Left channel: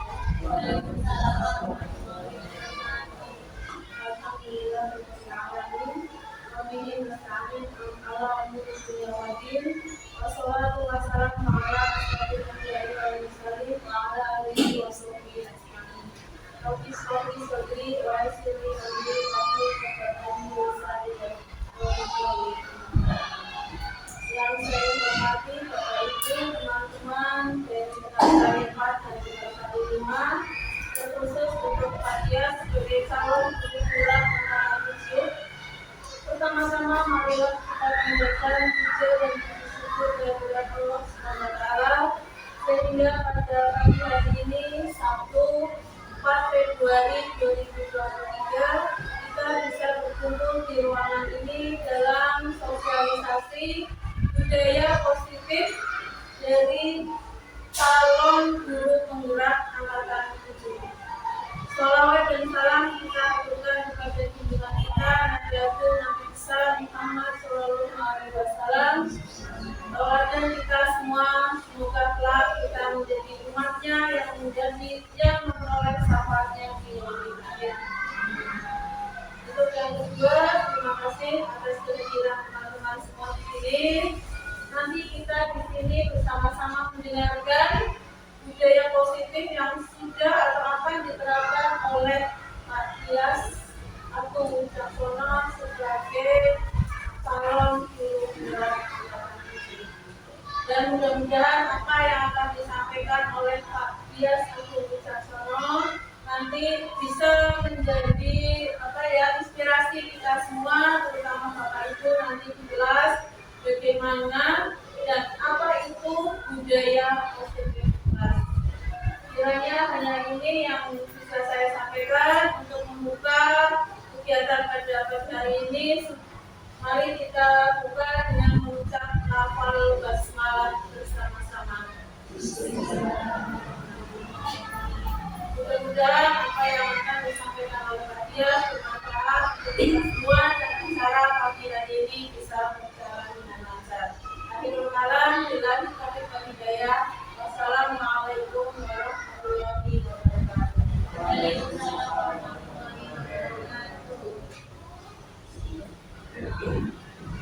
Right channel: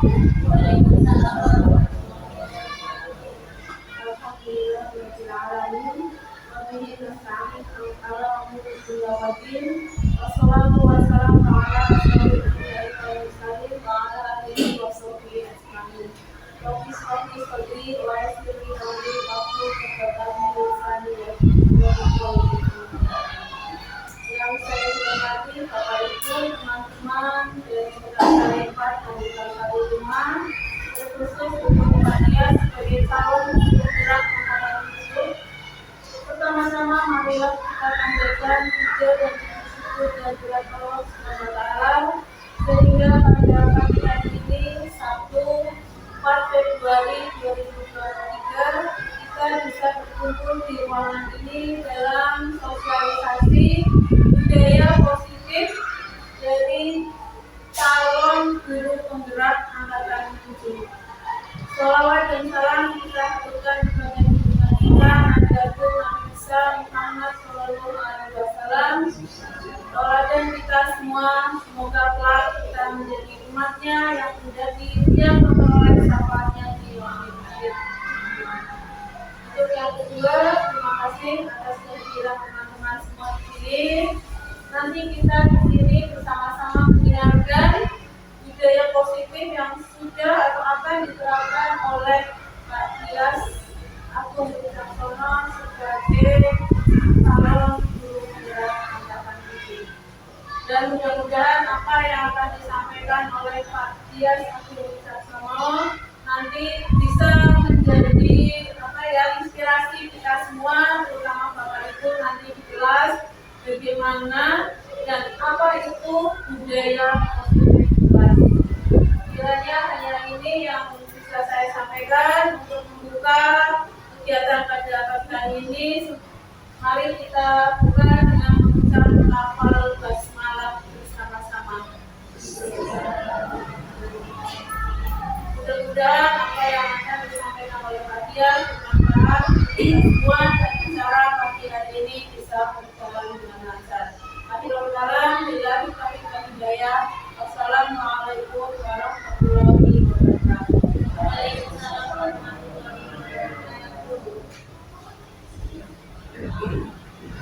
Waalaikumsalam warahmatullahi wabarakatuh. Alhamdulillahirabbil alamin. Wa bihi nasta'in ala umuri dunya waddin. Wassalatu wassalamu ala asyrofil anbiya'i wal mursalin wa ala alihi wa sahbihi ajmain. Rabbi shrah li sadri wa yassir li amri wahlul 'uqdatam min lisani yafqahu qawli. Yang saya hormati Bapak Ibu, teman-teman dari Generasi 4 Anggota 5, terkhusus untuk Pak Dias sebagai calon penggerak anak khusus. Pertama-tama marilah kita panjatkan puja dan bersyukur kehadirat Allah Subhanahu wa taala sehingga pada pagi hari ini Sabtu 4 Februari 2023 kita bisa berkumpul di ruangan ini dalam sosialisasi budaya positif dari calon guru penggerak angkatan 7. Sholawat dan salam kita haturkan kepada junjungan kita Nabiyatul Nabi Muhammad Sallallahu Alaihi Wasallam. Tauladan kita semua, semoga kelak kita menjadi umatnya yang memperoleh syafaatnya di yaumil akhir. Untuk yang kedua, terima kasih atas kehadiran teman-teman semua di sini. Nanti kita di sini bersama-sama mendengarkan budaya positif yang sudah atau akan diterapkan oleh Pak Dias Agung Wicaksono sebagai calon guru penggerak angkatan 7. Dan mudah-mudahan apa yang akan disampaikan oleh Pak Dias Agung Wicaksono nanti bisa menjadi inspirasi kita semua, terutama Bapak Ibu nanti di kelas, bagaimana dan apa itu budaya positif kelas. Kiranya hanya ini yang bisa saya sampaikan untuk membuka kegiatan pada pagi hari ini. Mari kita buka dengan mengucap lafal basmalah bersama-sama. Mudah-mudahan apa yang akan disampaikan oleh Pak Dias bermanfaat untuk kita semua dan acara pagi hari ini bisa berjalan dengan lancar. Akhirul kalam, billahi taufiq wal hidayah. Wassalamualaikum warahmatullahi wabarakatuh. Waalaikumsalam warahmatullahi wabarakatuh.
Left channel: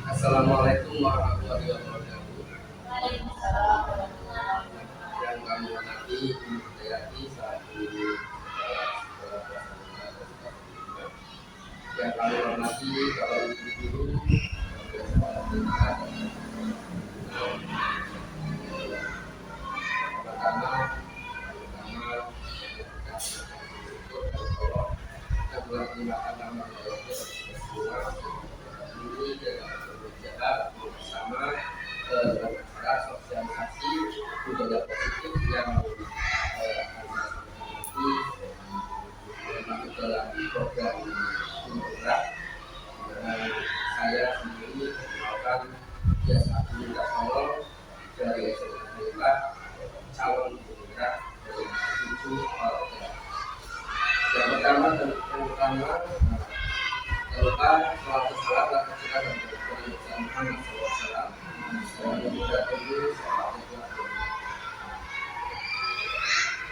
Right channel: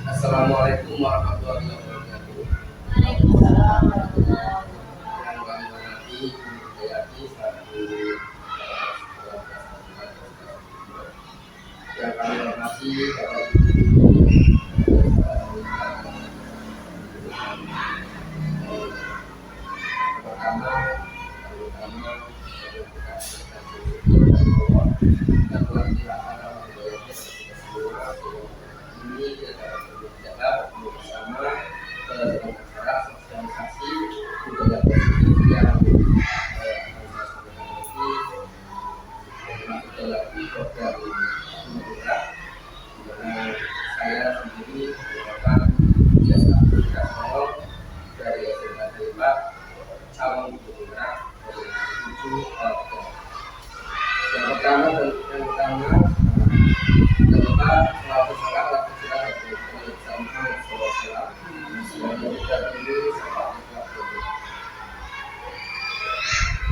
Assalamualaikum warahmatullahi wabarakatuh. Waalaikumsalam warahmatullahi wabarakatuh. Yang kami hormati Ibu Jayati selaku Kepala Sekolah. Yang kami hormati Bapak Ibu pertama dan telah menyerahkan budayanya kita semua ini kita bekerja bersama dengan acara sosialisasi budaya positif yang termasuk dalam program penggerak di mana saya sendiri merupakan Dias Agung Wicaksono dari SMK 4 calon penggerak dari 7 Polda. Yang pertama jangan lupa selalu salam dan kecilan dari Nabi Muhammad SAW yang tidak tunggu seperti itu.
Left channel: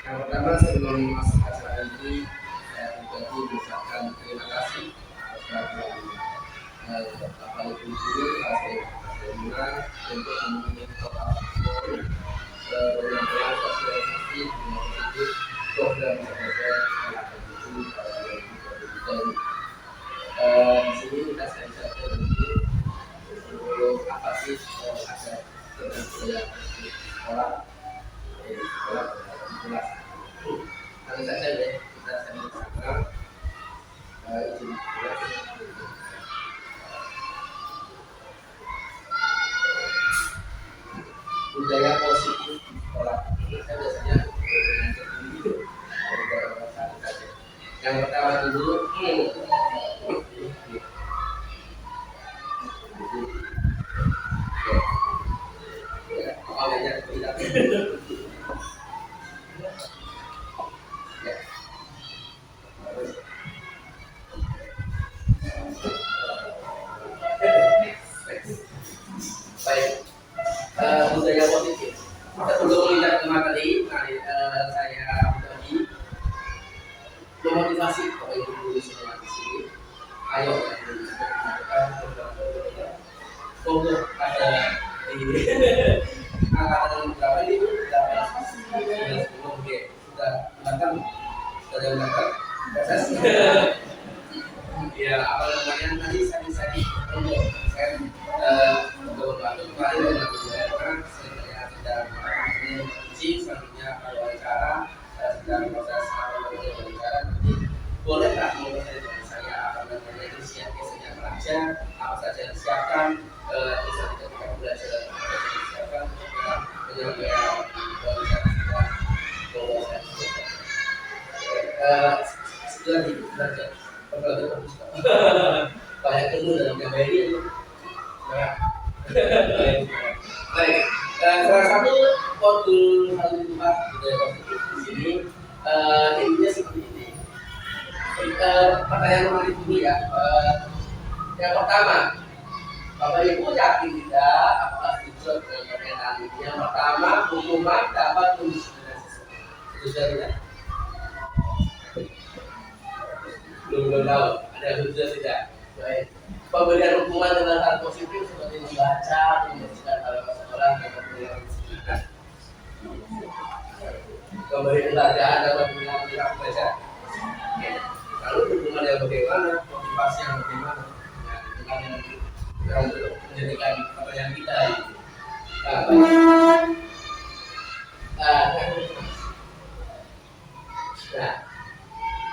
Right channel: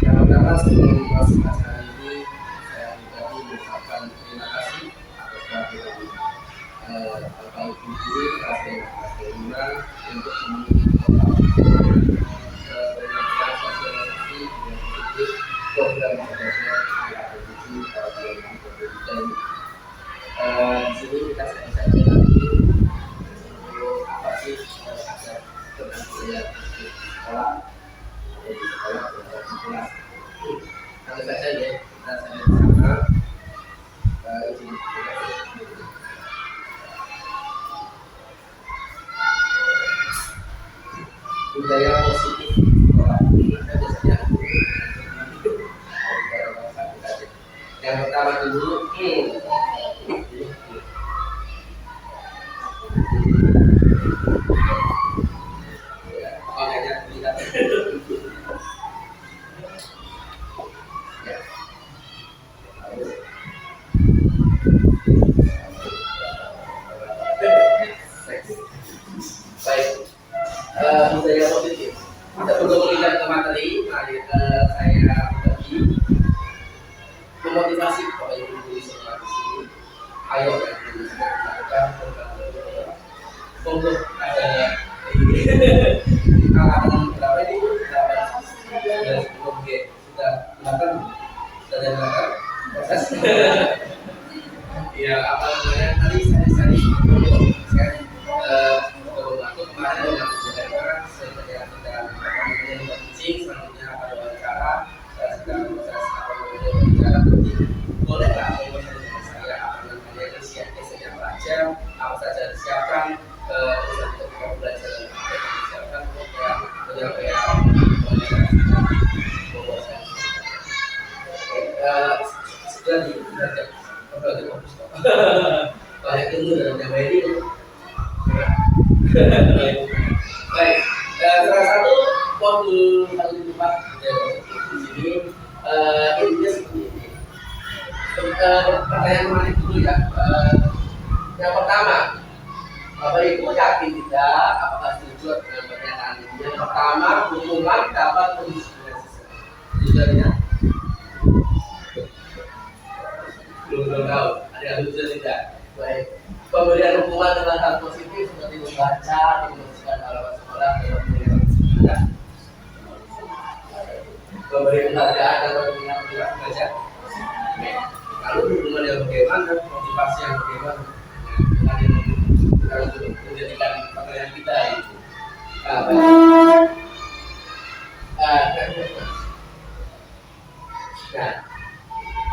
Yang pertama sebelum masuk acara ini saya pribadi mengucapkan terima kasih atas kehadiran Bapak Ibu Guru kelas 5 untuk memenuhi penyampaian sosialisasi dengan positif program kepada anak tujuh dan di sini kita share nanti seluruh apa sih ada tentang budaya di sekolah di kelas. Lalu saja ya kita share bersama izin budaya positif sekolah. Ada saja yang pertama dulu budaya positif. Sebelum menginjak ke materi, mari saya bagi guru semua di sini. Ayo kita monggo ada di angkatan berapa ini Bu? 8 sebelum sudah melakukan proses. Ya apa namanya tadi saya waktu kemarin dengan karena saya sedang mencing selanjutnya ada wawancara, saya sedang proses wawancara, boleh lah ngobrol dengan saya apa namanya inisiatif saya belajar apa saja disiapkan terus nanti ketika belajar dan apa yang disiapkan penyampaian setelah di belajar banyak ilmu dalam menyampaikan ini. Baik, salah satu modul hal di tempat di sini intinya seperti ini. Pertanyaan menarik dulu ya. Yang pertama, Bapak Ibu yakin tidak? Apakah setuju dengan pernyataan ini? Yang pertama, hukuman dapat mendiskriminasi siswa. Setuju tidak? Belum tahu. Ada yang setuju tidak? Baik. Pemberian hukuman dengan hal positif seperti membaca, membersihkan halaman sekolah, atau memberikan kesempatan. Pemberi penghargaan atau penghargaan baca. Lalu hukuman yang bagaimana, motivasi yang bagaimana, yang untuk menjadikan pertanyaan kita itu.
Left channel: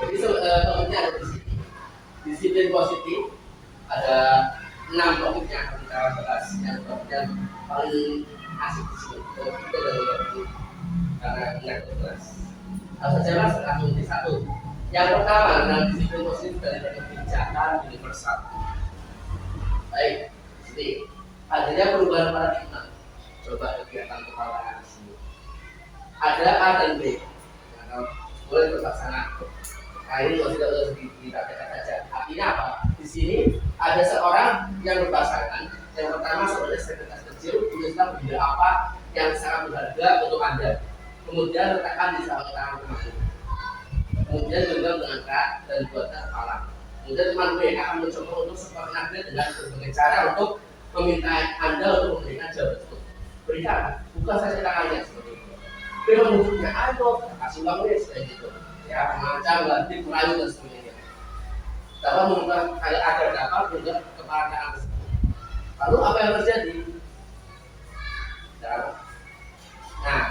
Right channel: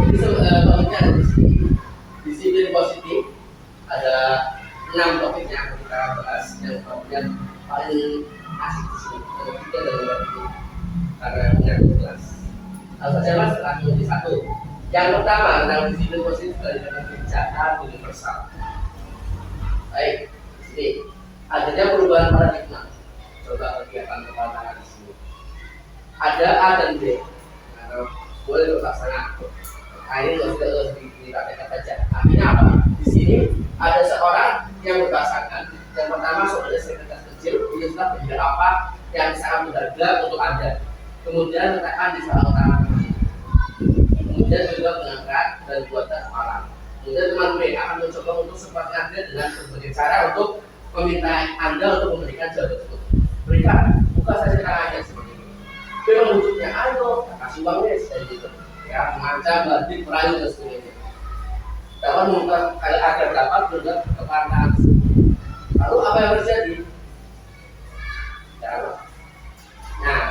Jadi pengertian di sini disiplin positif ada 6 topik yang akan kita bahas. Yang paling asik di sini topiknya adalah karena menyangkut kelas. Langsung saja Mas, langsung di satu. Yang pertama tentang disiplin positif dari kebijakan universal. Baik, ini adanya perubahan paradigma. Coba kegiatan kepala tangan di sini. Ada A dan B, atau boleh berpasangan. Nah ini masih dipraktekkan saja. Artinya apa? Di sini ada seorang yang berpasangan. Yang pertama saudara sekretas kecil punya benda apa yang sangat berharga untuk Anda. Kemudian letakkan di salah utama ini. Kemudian juga mengangkat dan buatkan kepala. Kemudian teman B akan mencoba untuk support Anda dengan berbagai cara untuk meminta Anda untuk memberikan jawaban tersebut. Berikan, buka saja tangannya seperti itu. B membujuknya, ayo kasih uangnya kayak gitu. Ya, mengancam, berarti merayu dan sebagainya. Dapat meminta kalau agar dapat bergerak kepala tangan. Lalu apa yang terjadi? Nah,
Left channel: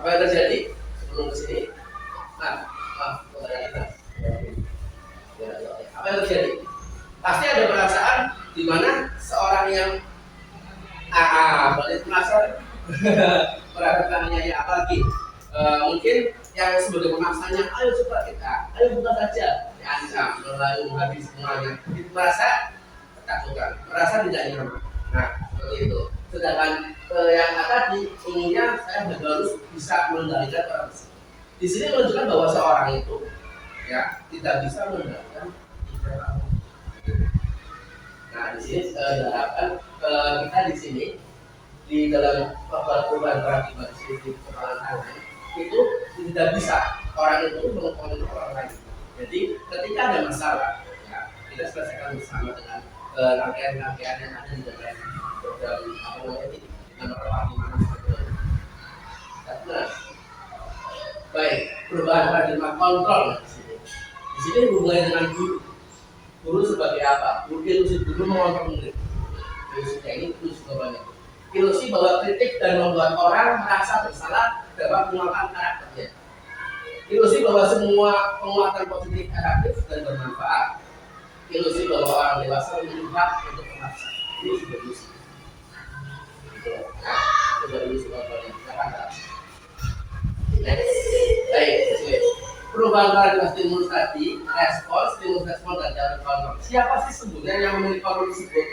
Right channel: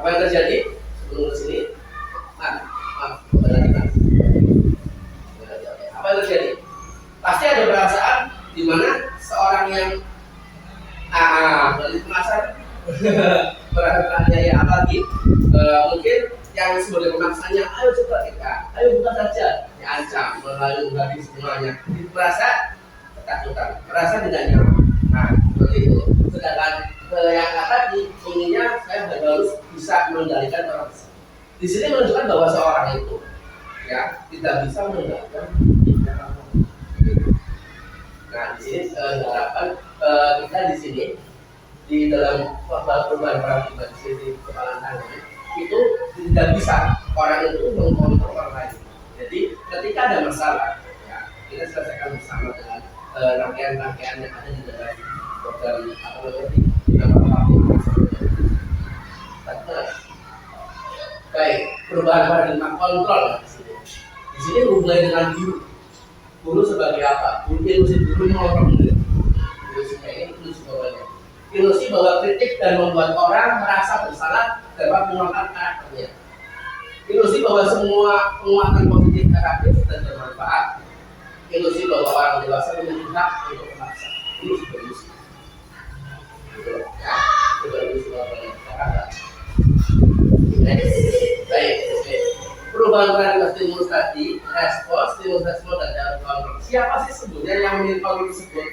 apa yang terjadi sebelum ke sini? Apa yang terjadi? Pasti ada perasaan di mana seorang yang berarti penasaran perasaan ya apalagi mungkin yang sebagai pemaksanya, ayo coba kita, ayo buka saja, diancam, melayu habis semuanya, merasa ketakutan, merasa tidak nyaman. Nah, seperti itu. Sedangkan yang tadi inginnya saya harus bisa mengendalikan orang tersebut. Di sini menunjukkan bahwa seorang itu ya tidak bisa mengendalikan pikiran. Nah, di sini diharapkan kita di sini di dalam perubahan paradigma di sini kepala tangan itu tidak bisa orang itu mengkontrol orang lain. Jadi ketika ada masalah, ya, kita selesaikan bersama dengan rangkaian-rangkaian yang ada di dalam program apa namanya di dalam waktu. Baik, perubahan paradigma kontrol di sini. Di sini hubungannya dengan guru. Guru sebagai apa? Ilusi guru mengontrol murid. Ilusinya ini ilusi bawahnya. Ilusi bahwa kritik dan membuat orang merasa bersalah dapat menguatkan karakternya. Ilusi bahwa semua penguatan positif efektif dan bermanfaat. Ilusi bahwa orang dewasa memiliki hak untuk memaksa. Ini sebuah ilusi. Gitu ya. Sebuah ilusi bawahnya. Next. Baik, sini. Perubahan paradigma stimulus tadi, stimulus respon dan jalan kontrol. Siapa sih sebenarnya yang memiliki pola tersebut?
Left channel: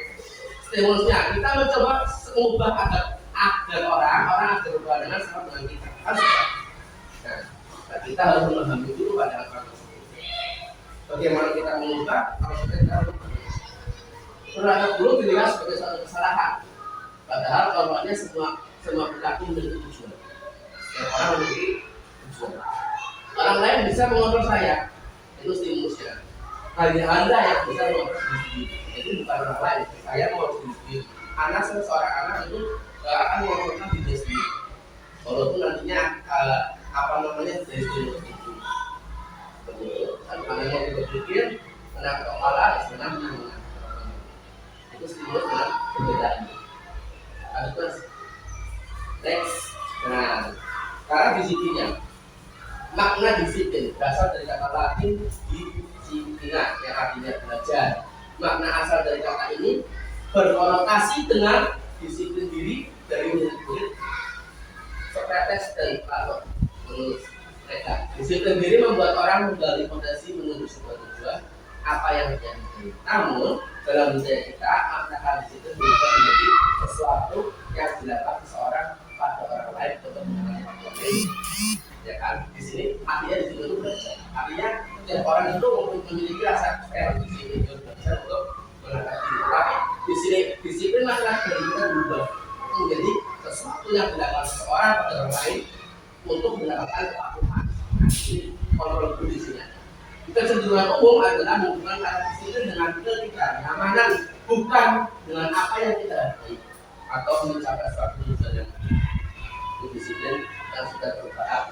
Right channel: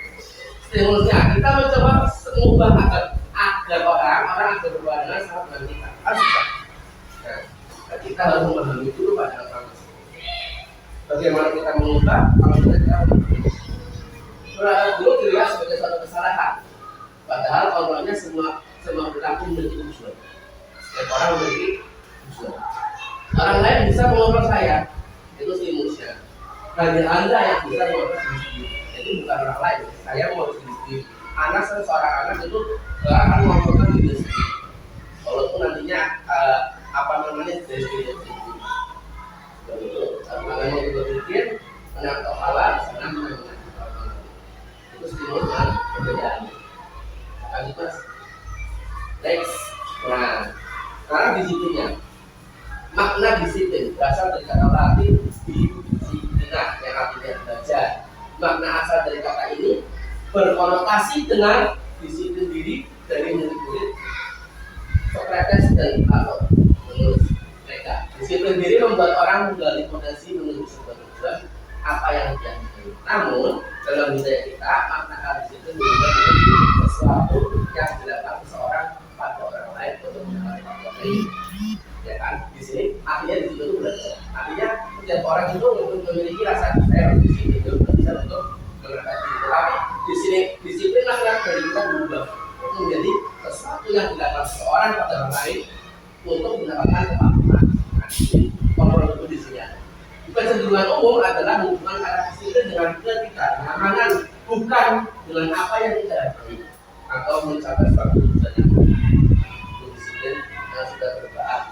Stimulusnya kita mencoba mengubah agar orang agar berubah dengan sama dengan kita. Harus bisa. Nah, kita harus memahami dulu pada orang tersebut. Bagaimana kita mengubah kalau kita berada dulu dilihat sebagai suatu kesalahan. Padahal kontrolnya semua berlaku menjadi tujuan. Setiap orang memiliki tujuan. Orang lain bisa mengontrol saya, itu stimulus Hanya Anda yang bisa mengontrol diri sendiri. Jadi bukan orang lain. Saya mau diri sendiri. Anak seorang anak itu akan mengontrol diri sendiri. Walaupun nantinya apa namanya dari diri sendiri. Begitu. Karena mau berpikir menang kepala di sana menang itu stimulus dengan perbedaan. Lanjut mas. Next. Nah, sekarang disiplinnya. Makna disiplin berasal dari kata Latin disiplina yang artinya belajar. Makna asal dari kata ini berkonotasi dengan disiplin diri dari murid-murid Socrates dan Plato. Menurut mereka, disiplin diri membuat orang menggali potensi menuju sebuah tujuan apa yang dia inginkan. Namun dalam budaya kita, makna kata disiplin menjadi sesuatu yang dilakukan seseorang pada orang lain untuk mendapatkan tujuan ini. Ya kan? Di sini artinya di situ belajar. Artinya setiap orang itu memiliki rasa saya harus di sini itu belajar untuk mengangkat diri. Tapi di sini disiplin masalah dari kita berubah menjadi sesuatu yang dilakukan seseorang pada orang lain untuk mendapatkan kepatuhan. Nah, jadi kontrol itu di sini. Kecenderungan umum adalah menghubungkan kata disiplin dengan ketidaknyamanan, bukan dengan apa yang kita hargai atau mencapai suatu tujuan yang disiplin yang sudah terbahas.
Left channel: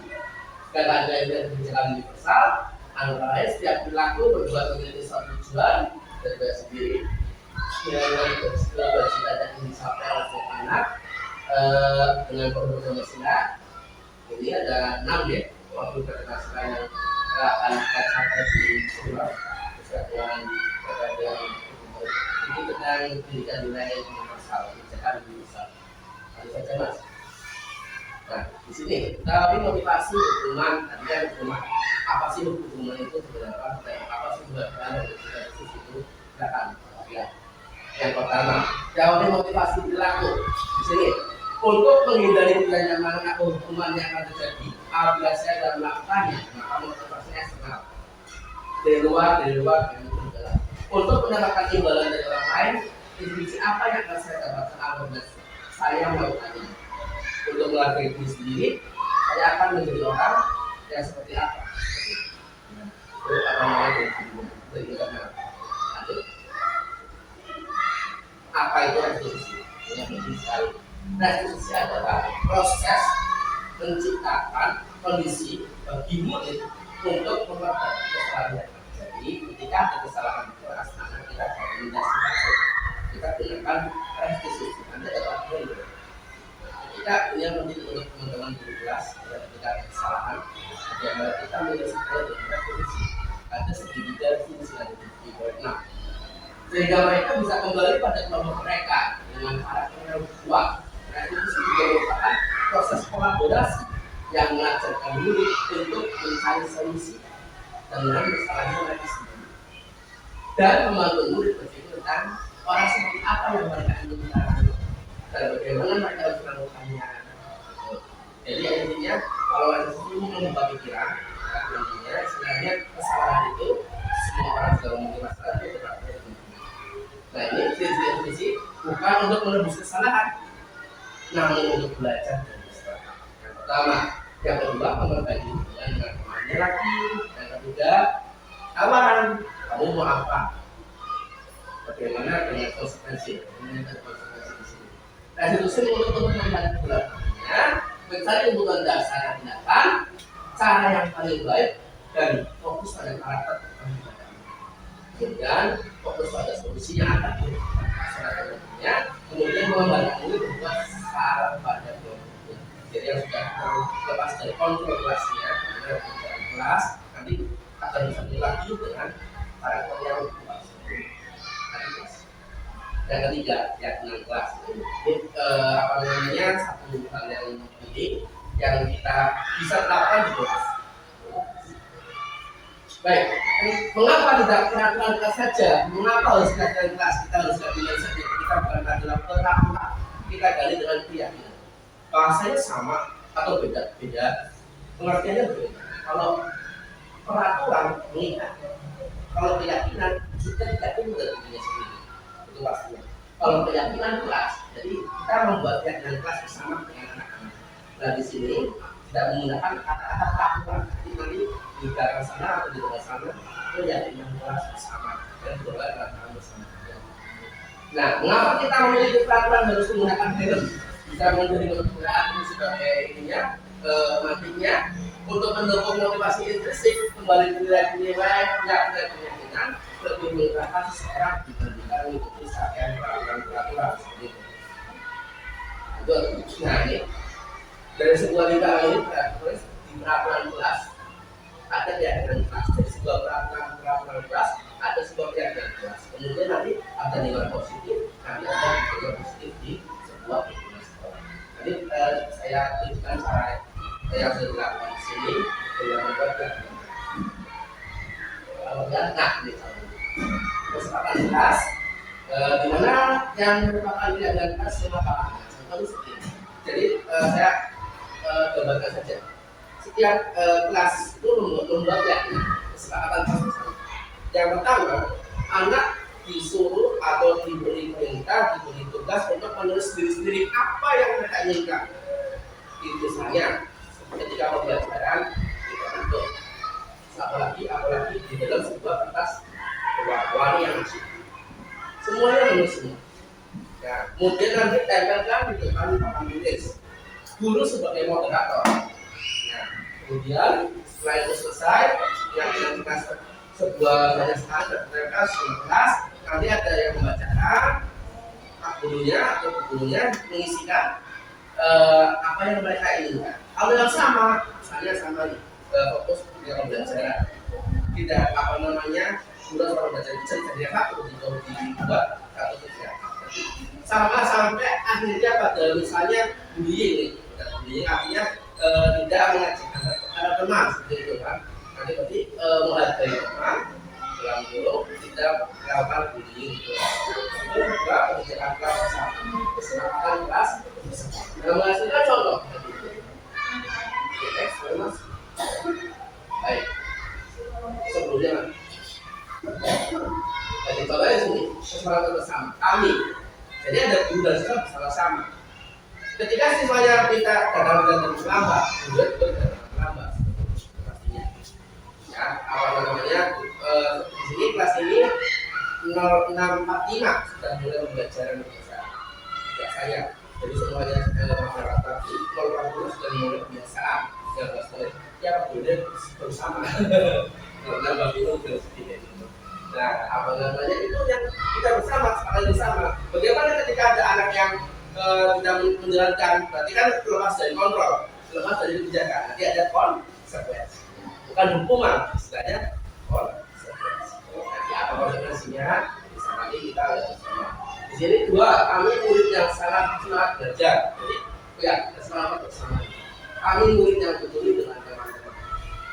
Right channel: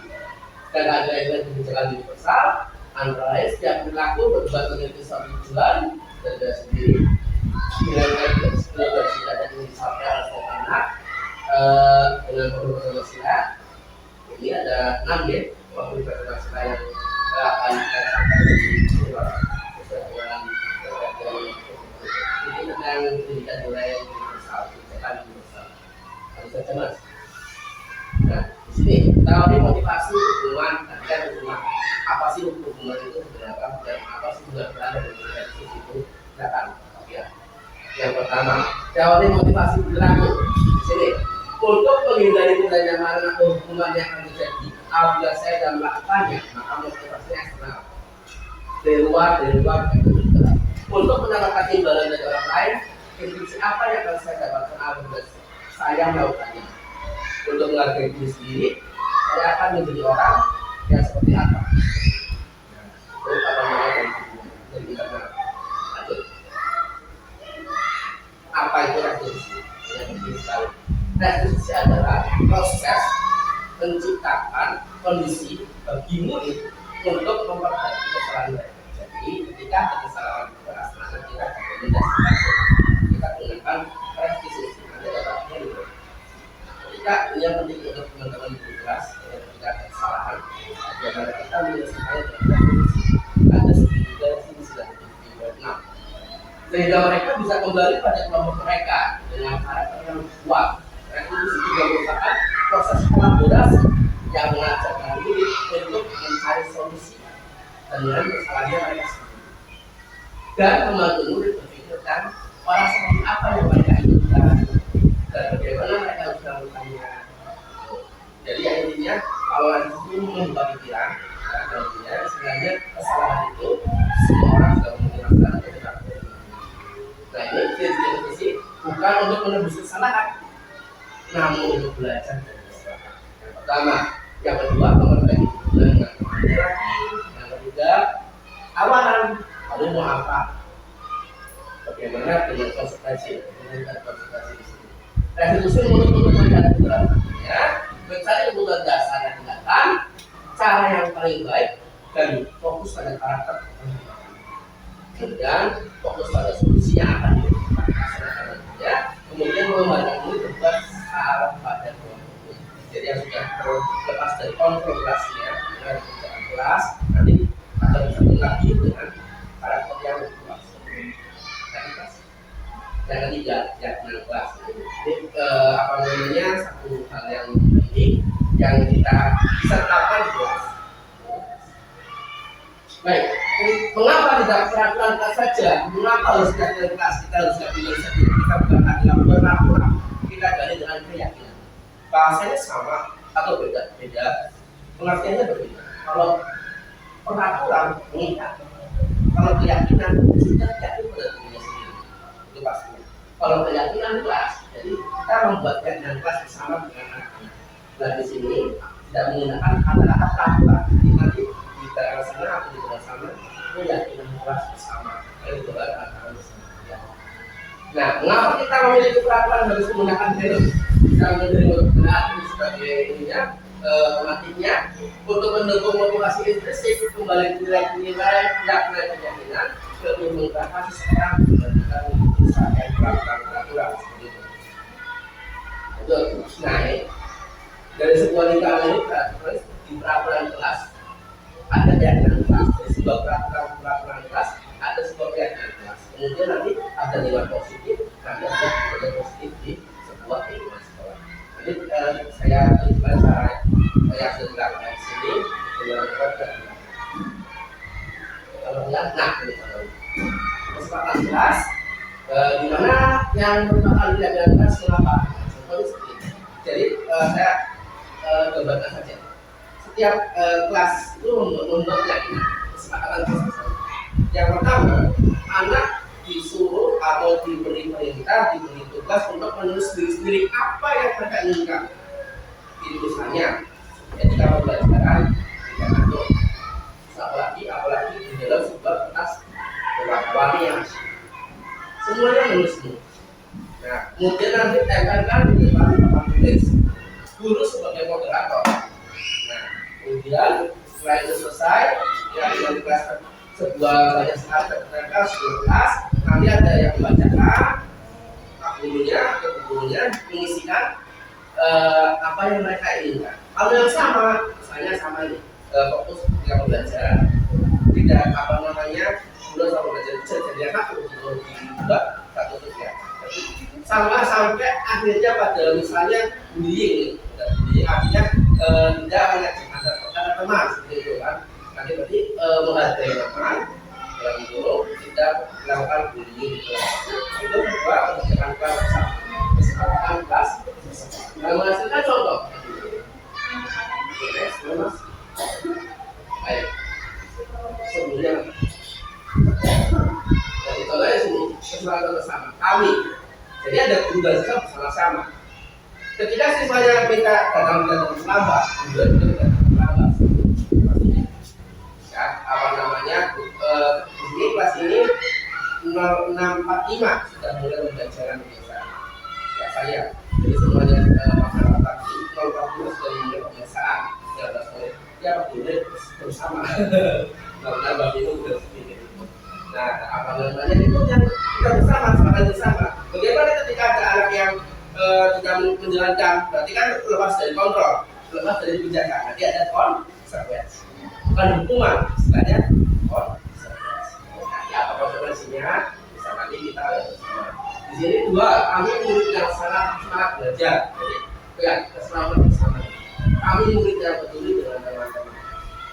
Dan ada yang kebijakan universal, antara lain setiap perilaku berbuat memiliki suatu tujuan dari diri sendiri. Nilai-nilai cita-cita yang ingin dicapai oleh setiap anak dengan pemberian wasilah. Ini ada 6 ya, pemberian wasilah yang akan kita capai di luar dengan ini tentang pendidikan nilai universal, kebijakan universal. Harus saja mas. Nah, di sini kita ambil motivasi hubungan, tadi kan hubungan. Apa sih hubungan itu sebenarnya? Dan apa sih peran dari itu datang? Ya. Yang pertama, jawabnya motivasi perilaku. Di sini, untuk menghindari ketidaknyamanan atau hubungan yang akan terjadi, apabila saya dalam melakukannya, maka motivasi eksternal dari luar itu juga. Untuk mendapatkan imbalan dari orang lain, intuisi apa yang akan saya dapatkan apabila saya melakukannya? Untuk menghargai diri sendiri, saya akan menjadi orang yang seperti apa? Itu apa namanya dari internal. Lanjut. Apa itu restitusi? Yang penting sekali. Restitusi adalah proses menciptakan kondisi bagi murid untuk memperbaiki kesalahan yang terjadi. Ketika ada kesalahan keras, maka kita kita gunakan restitusi. Anda dapat beri. Ketika yang penting untuk teman-teman di kelas, ketika ada kesalahan, bagaimana kita menyelesaikannya dengan restitusi. Ada juga restitusi yang diberikan. Sehingga mereka bisa kembali pada kelompok mereka dengan karakter yang kuat. Restitusi juga merupakan proses kolaborasi yang mengajarkan murid untuk mencari solusi dengan kesalahannya mereka sendiri dan membantu murid berpikir tentang orang seperti apa yang mereka inginkan dan bagaimana mereka harus melakukannya. Jadi intinya kalau ada sesuatu membuka pikiran, intinya istilahnya kesalahan itu semua orang sudah memiliki masalah itu. Nah ini restitusi bukan untuk menebus kesalahan, namun untuk belajar dari kesalahan. Yang pertama, yang kedua memperbaiki hubungan dengan temannya lagi, yang ketiga tawaran, kamu mau apa? Bagaimana dengan konsekuensi? Meminta konsekuensi di sini. Restitusi untuk melihat kebenarannya, mencari kebutuhan dasar yang tindakan, cara yang paling baik dan fokus pada karakter dan fokus pada solusi yang akan dilaksanakan. Kemudian mengembangkan murid berbuat salah pada kelompoknya. Jadi yang sudah terlepas dari kontrol kelasnya, dari kerjaan kelas, nanti akan bisa lagi dengan karakter yang kuat. Tadi kelas. Yang ketiga, yakni kelas. Ini apa namanya satu hal yang ini yang kita bisa lakukan di kelas. Baik, mengapa tidak peraturan kelas saja? Mengapa harus peraturan kelas? Kita harus dengan sendiri. Kita bukan adalah peraturan. Kita gali dengan keyakinan. Bahasanya sama atau beda? Beda. Pengertiannya berbeda. Kalau peraturan mengikat, kalau keyakinan kita yakin pada dirinya sendiri. Itu pastinya. Kalau keyakinan kelas, jadi kita membuat keyakinan kelas bersama dengan anak-anak. Nah di sini tidak menggunakan kata-kata peraturan. Jadi nanti di daerah sana atau di daerah sana keyakinan kelas bersama. Itu keyakinan bersama. Nah, mengapa kita memiliki peraturan harus menggunakan helm? Kita menggunakan sebagai ininya, matinya untuk mendukung motivasi intrinsik kembali nilai-nilai yang keyakinan lebih menggunakan seseorang dibandingkan mengikuti serangkaian peraturan seperti itu. Nah, ini dari sebuah lingkaran ini terus di peraturan kelas ada keyakinan kelas. Jadi sebuah peraturan kelas ada sebuah keyakinan kelas. Kemudian nanti ada nilai positif, nanti ada nilai positif di sebuah kehidupan sekolah. Jadi saya tunjukkan cara yang sudah dilakukan di sini dengan membuat kalau lihat, nah ini contohnya kesepakatan kelas di mana yang merupakan keyakinan kelas kenapa? Contohnya seperti ini. Jadi saya gambarkan saja. Setiap kelas itu membuat keyakinan kesepakatan kelas. Yang pertama, anak disuruh atau diberi perintah, diberi tugas untuk menulis sendiri apa yang mereka inginkan. Itu misalnya ketika pembelajaran kita bentuk, apalagi di dalam sebuah kertas warna yang asik. Semuanya menulis semua. Nah, kemudian nanti tempelkan di depan papan tulis. Guru sebagai moderator. Nah, kemudian setelah itu selesai, yang kelas sebuah banyak sekali mereka kelas, nanti ada yang membacakan, gurunya atau gurunya mengisikan apa yang mereka inginkan. Hal yang sama, misalnya sama nih, fokus dengan pembelajaran, tidak apa namanya, guru sama belajar bisa jadi satu, dibuat satu kegiatan. Sama sampai akhirnya pada misalnya bullying, artinya tidak mengajak ada teman seperti itu kan. Nanti berarti menghargai teman dalam guru tidak melakukan bullying di kelas. Itu sebuah kebijakan kelas bersama, kesepakatan kelas bersama. Nah, menghasilkan contoh. Next, mas. Baik. Sebelumnya, jadi contohnya di sini kesepakatan bersama. Kami. Jadi ada guru dan siswa bersama-sama. Ketika siswanya minta datang terlambat, kemudian juga datang terlambat. Ya, apa namanya? Di sini kelas ini 0645 sudah mulai pembelajaran biasa. Ya saya. Jadi semuanya masyarakat tadi 040 sudah mulai pembiasaan. 13 menit. Ya boleh bersama. Nambah itu udah sedikit. Nah, apa namanya itu yang kita bersama, sepakat bersama. Bagaimana ketika ada anak yang tidak menjalankan, berarti kan lepas dari kontrol, lepas dari kebijakan. Nanti ada konsekuensi, bukan hukuman, istilahnya konsekuensi. Nanti apa konsekuensinya? Bisa nanti kita lihat bersama. Di sini dua, kami murid yang sangat semangat belajar. Jadi, ya kita semangat bersama. Kami murid yang peduli dengan teman-teman.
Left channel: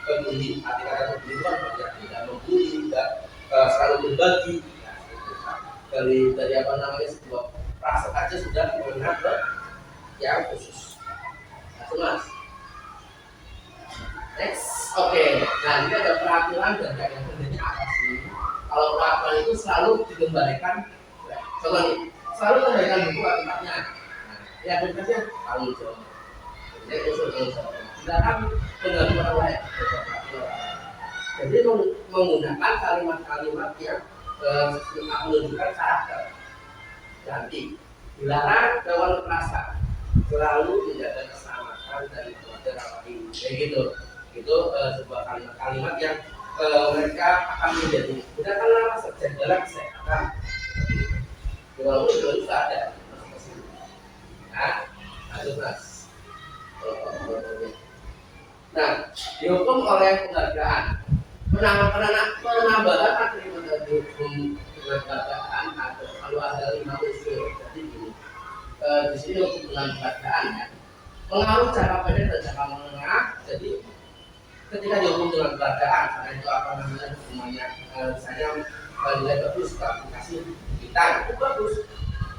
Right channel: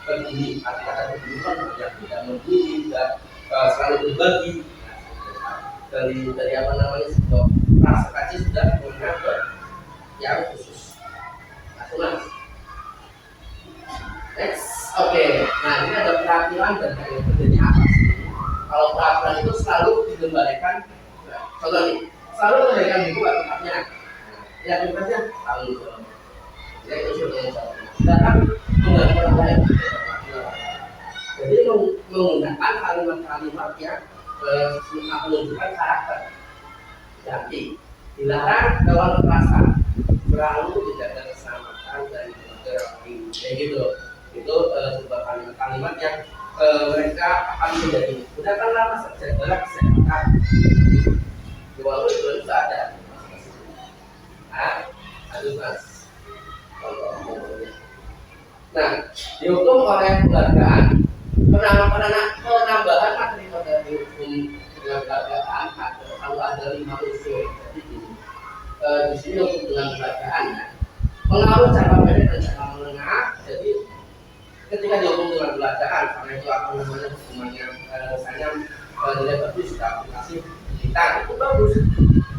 Peduli, arti kata peduli itu kan yang tidak membuli dan selalu berbagi. Dari apa namanya sebuah rasa kasih sudah mengenal yang khusus. Mas. Next, oke. Nah ini ada peraturan dan kaedah bedanya apa sih? Kalau peraturan itu selalu dikembalikan, contoh nih, selalu dikembalikan buku atau tempatnya. Ya tempatnya tanggung jawab. Jadi itu tanggung jawab. Sedangkan mengganggu orang lain. Jadi menggunakan kalimat-kalimat yang menunjukkan karakter. Ganti, dilarang melawan kekerasan, selalu tidak ada keselamatan dan moderatif. Kayak gitu. Itu sebuah kalimat-kalimat yang mereka akan menjadi. Gunakan nama sejarah kesehatan. Walaupun itu juga ada. Nah, aduh mas. Nah, dihukum oleh penghargaan. Penambahan materi hukum penghargaan kalau ada 5 unsur. Jadi gini, di sini untuk penghargaan ya, pengaruh jangka pendek dan jangka menengah. Jadi ketika dihukum dengan penghargaan, karena itu apa namanya hukumannya, misalnya nilai bagus, aplikasi kita itu bagus.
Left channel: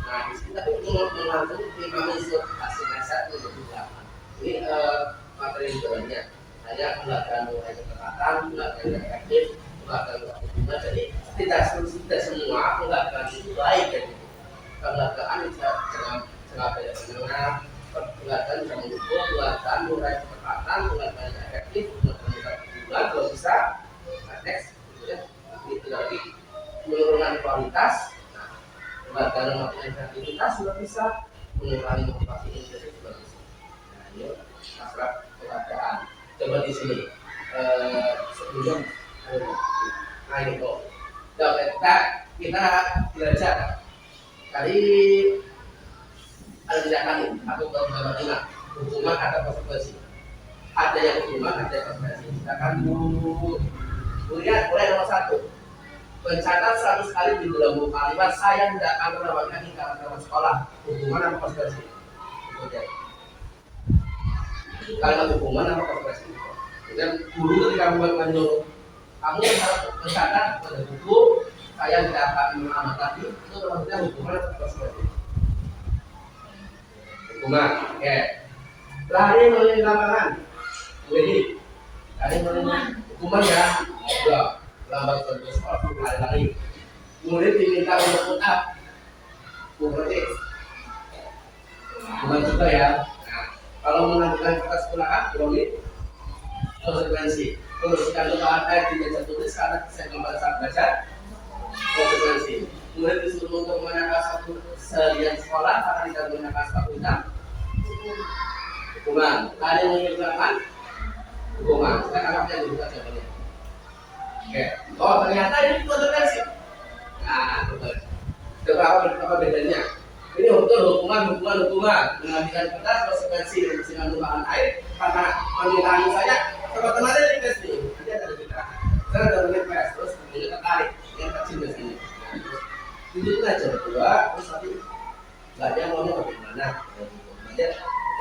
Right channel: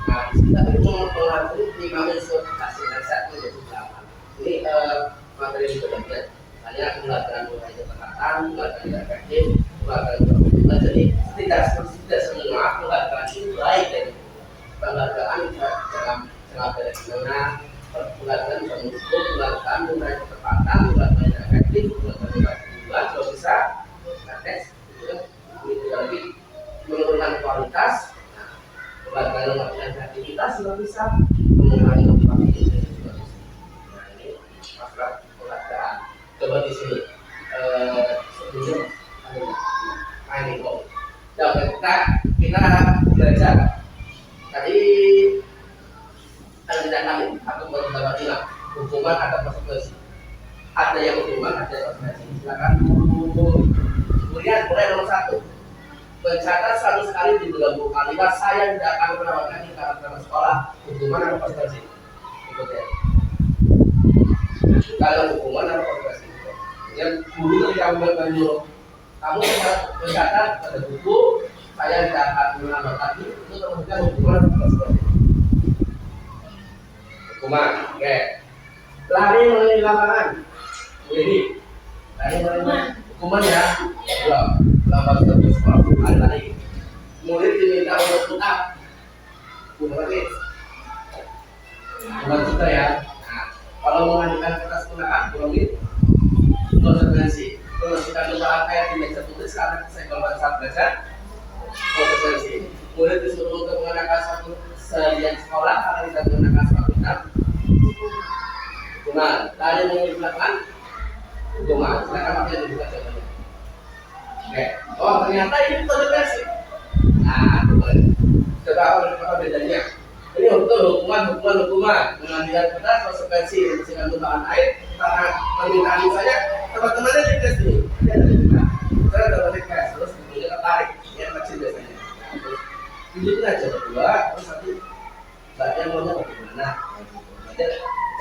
Nah, di sini tapi mengatur 5 unsur hasil riset menjadi 8. Ini materi yang berbagian. Hanya penghargaan mengenai kesehatan, penghargaan yang efektif, penghargaan berguna. Jadi tidak semua penghargaan itu baik ya. Penghargaan dalam jangka pendek menengah, penghargaan bisa mendukung, penghargaan mengenai kesehatan, penghargaan yang efektif, penghargaan yang berguna. Kalau bisa, next, kualitas. Nah, kalau melakukan kreativitas sudah bisa, mengurangi motivasi itu juga bisa. Nah, ini masalah penghargaan. Coba di sini sebelum ini kok. Nah, kita belajar tadi tindakan atau beberapa tindak hukuman atau konsekuensi. Ada yang hukuman, ada yang konsekuensi. Silakan Kemudian nomor 1, mencatat 100 kali di dalam buku kalimat saya tidak akan melakukan ini karena sekolah, hukuman atau konsekuensi. Berikutnya, kalau hukuman atau konsekuensi. Kemudian guru ketika menyuruh kamu mencatat pada buku saya tidak akan menambahkan itu termasuknya hukuman atau konsekuensi. Hukuman, oke. Lari melalui lapangan, jadi lari melalui hukuman ya. Dua, lambat terus sekolah hari-hari. Murid diminta untuk put up. Berarti bukan kita ya. Nah, kalau mengajukan kata sekolahan, kurang konsekuensi. Teruskan lupakan air di meja tulis karena kesenggol pada saat baca. Konsekuensi. Murid disuruh untuk mengenakan satu seharian sekolah karena tidak mengenakan sepatu hitam. Hukuman. Lari menuju belakang. Hukuman. Silakan pakai dibuka jawabannya. Oke. Oh, ternyata ini konsekuensi. Nah, coba apa bedanya? Ini hukuman mengambil kertas konsekuensi membersihkan tumpahan air karena permintaan saya teman-temannya di tes ini ada kita saya dalam tes terus kemudian tertarik yang kecil biasanya terus tunjukin aja berdua terus nanti mbaknya maunya bagaimana nanti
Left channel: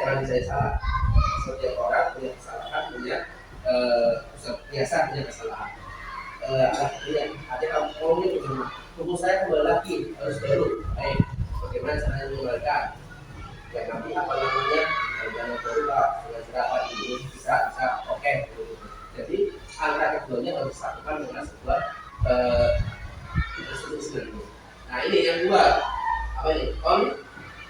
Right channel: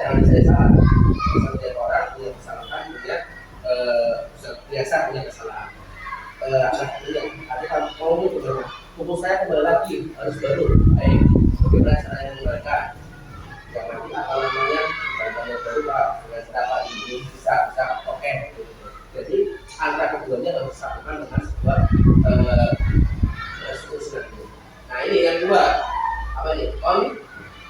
jangan saya salah setiap orang punya kesalahan punya biasa punya kesalahan ada kamu mau itu benar buku saya kembali lagi harus baru baik bagaimana caranya mengembalikan yang nanti apa namanya gambarnya berubah dengan dapat ini bisa oke gitu. Jadi antara keduanya harus disatukan dengan sebuah solusi ini. Nah ini yang kedua apa ini?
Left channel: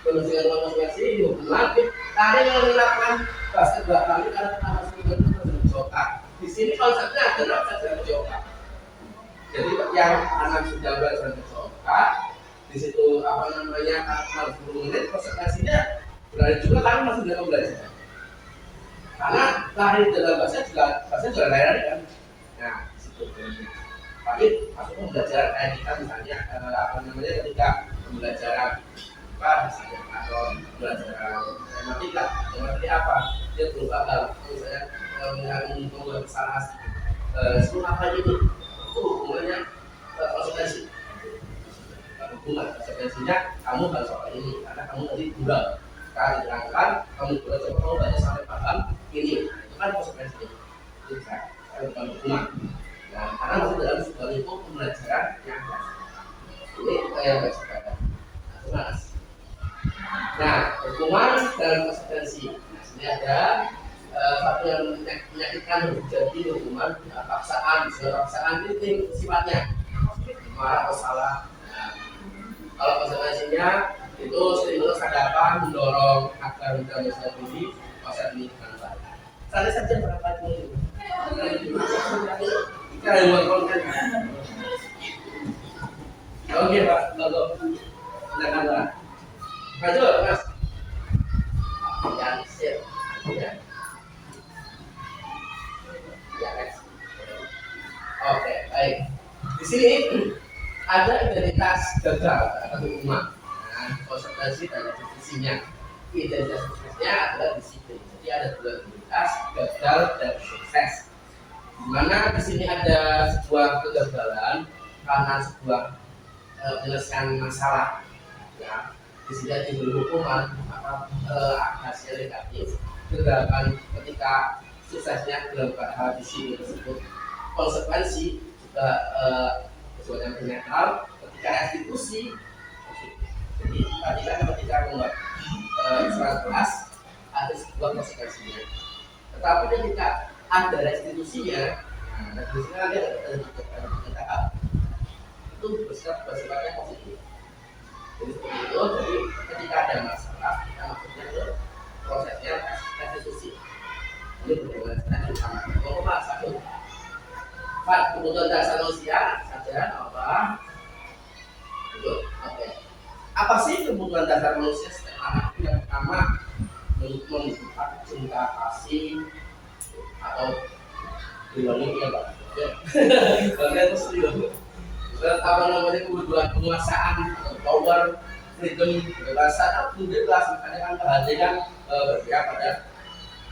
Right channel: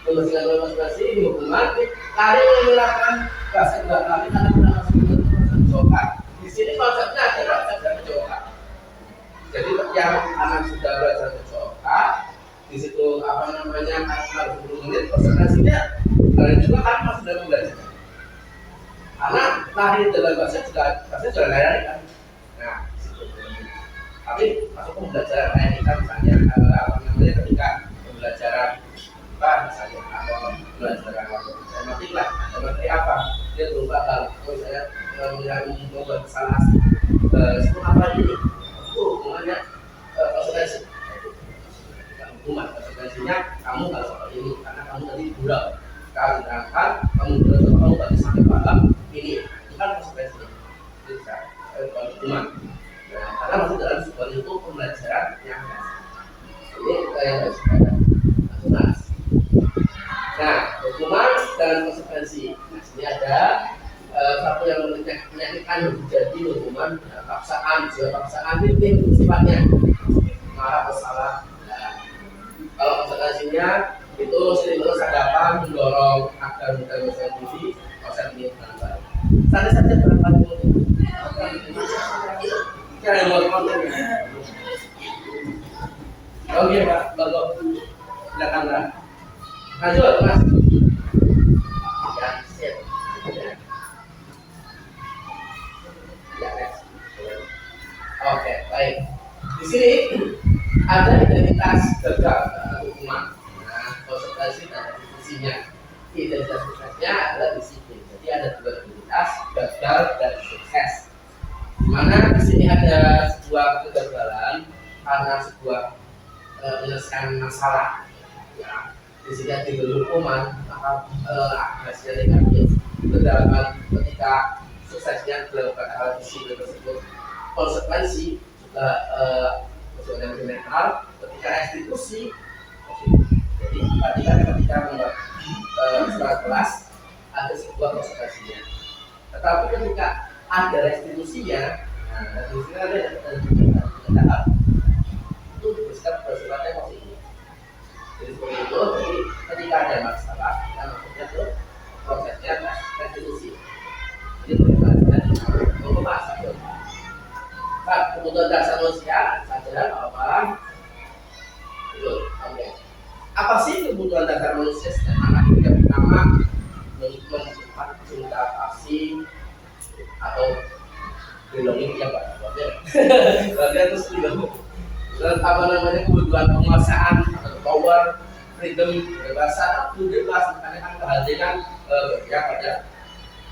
Membersihkan ruang masing-masing hukuman tadi menggunakan bahasa 2 kali karena menggunakan sebuah jokat. Di sini konsepnya adalah belajar jokat. Jadi yang anak sudah belajar jokat di situ apa namanya harus 10 menit konsekuensinya dari juga kami masih dalam belajar karena lari dalam bahasa juga lari kan. Nah di situ tapi masuk pembelajaran kayak kita misalnya apa namanya ketika pembelajaran apa misalnya atau pembelajaran matematik lah materi apa dia berubah hal misalnya membuat kesalahan sebelum apa ini itu hubungannya konsekuensi hukuman konsekuensinya kamu harus seperti ini karena kamu nanti buram kalau diterangkan kamu berarti sampai paham ini itu kan konsekuensinya itu bukan hukuman. Nah karena masih dalam sebuah itu pembelajaran yang ini yang harus kita mas. Nah hukuman dan konsekuensi. Nah sini ada satu yang menyakitkan jadi hukuman paksaan itu sifatnya marah atau salah. Kalau konsekuensinya itu stimulus hadapan mendorong agar mudah berserah diri konsep ini dengan baik. Santai saja berapa jam kita yang mau kontennya. Oke Pak, bagus. Silakan Pak. Lanjut Mas. Ya, siap. Ya, next. Oke, baik. Di sini ada identitas gagal atau hukuman. Nah, konsekuensi dan definisinya. Identitas suksesnya adalah disiplin. Jadi ada 2 identitas, gagal dan sukses. Di mana di sini ada sebuah kegagalan karena sebuah menyelesaikan masalah. Ya, di sini ada hukuman maka hasilnya negatif. Sedangkan ketika suksesnya dilakukan hal disiplin tersebut, konsekuensi juga yang netral ketika restitusi. Jadi tadi kan ketika membuat surat kelas ada sebuah konsekuensinya, tetapi ketika ada restitusinya, nah restitusinya ada tahap itu bersifatnya positif. Jadi seperti itu. Jadi ketika ada masalah kita maksudnya itu prosesnya restitusi. Ini bagaimana mengubah satu Pak, kebutuhan dasar manusia saja apa Apa sih kebutuhan dasar manusia setiap anak? Yang pertama membutuhkan cinta kasih atau belonging ya Pak. Bagian terus terus apa namanya kebutuhan penguasaan atau power, freedom, kebebasan, itu bebas. Makanya kan kehadirkan berpihak pada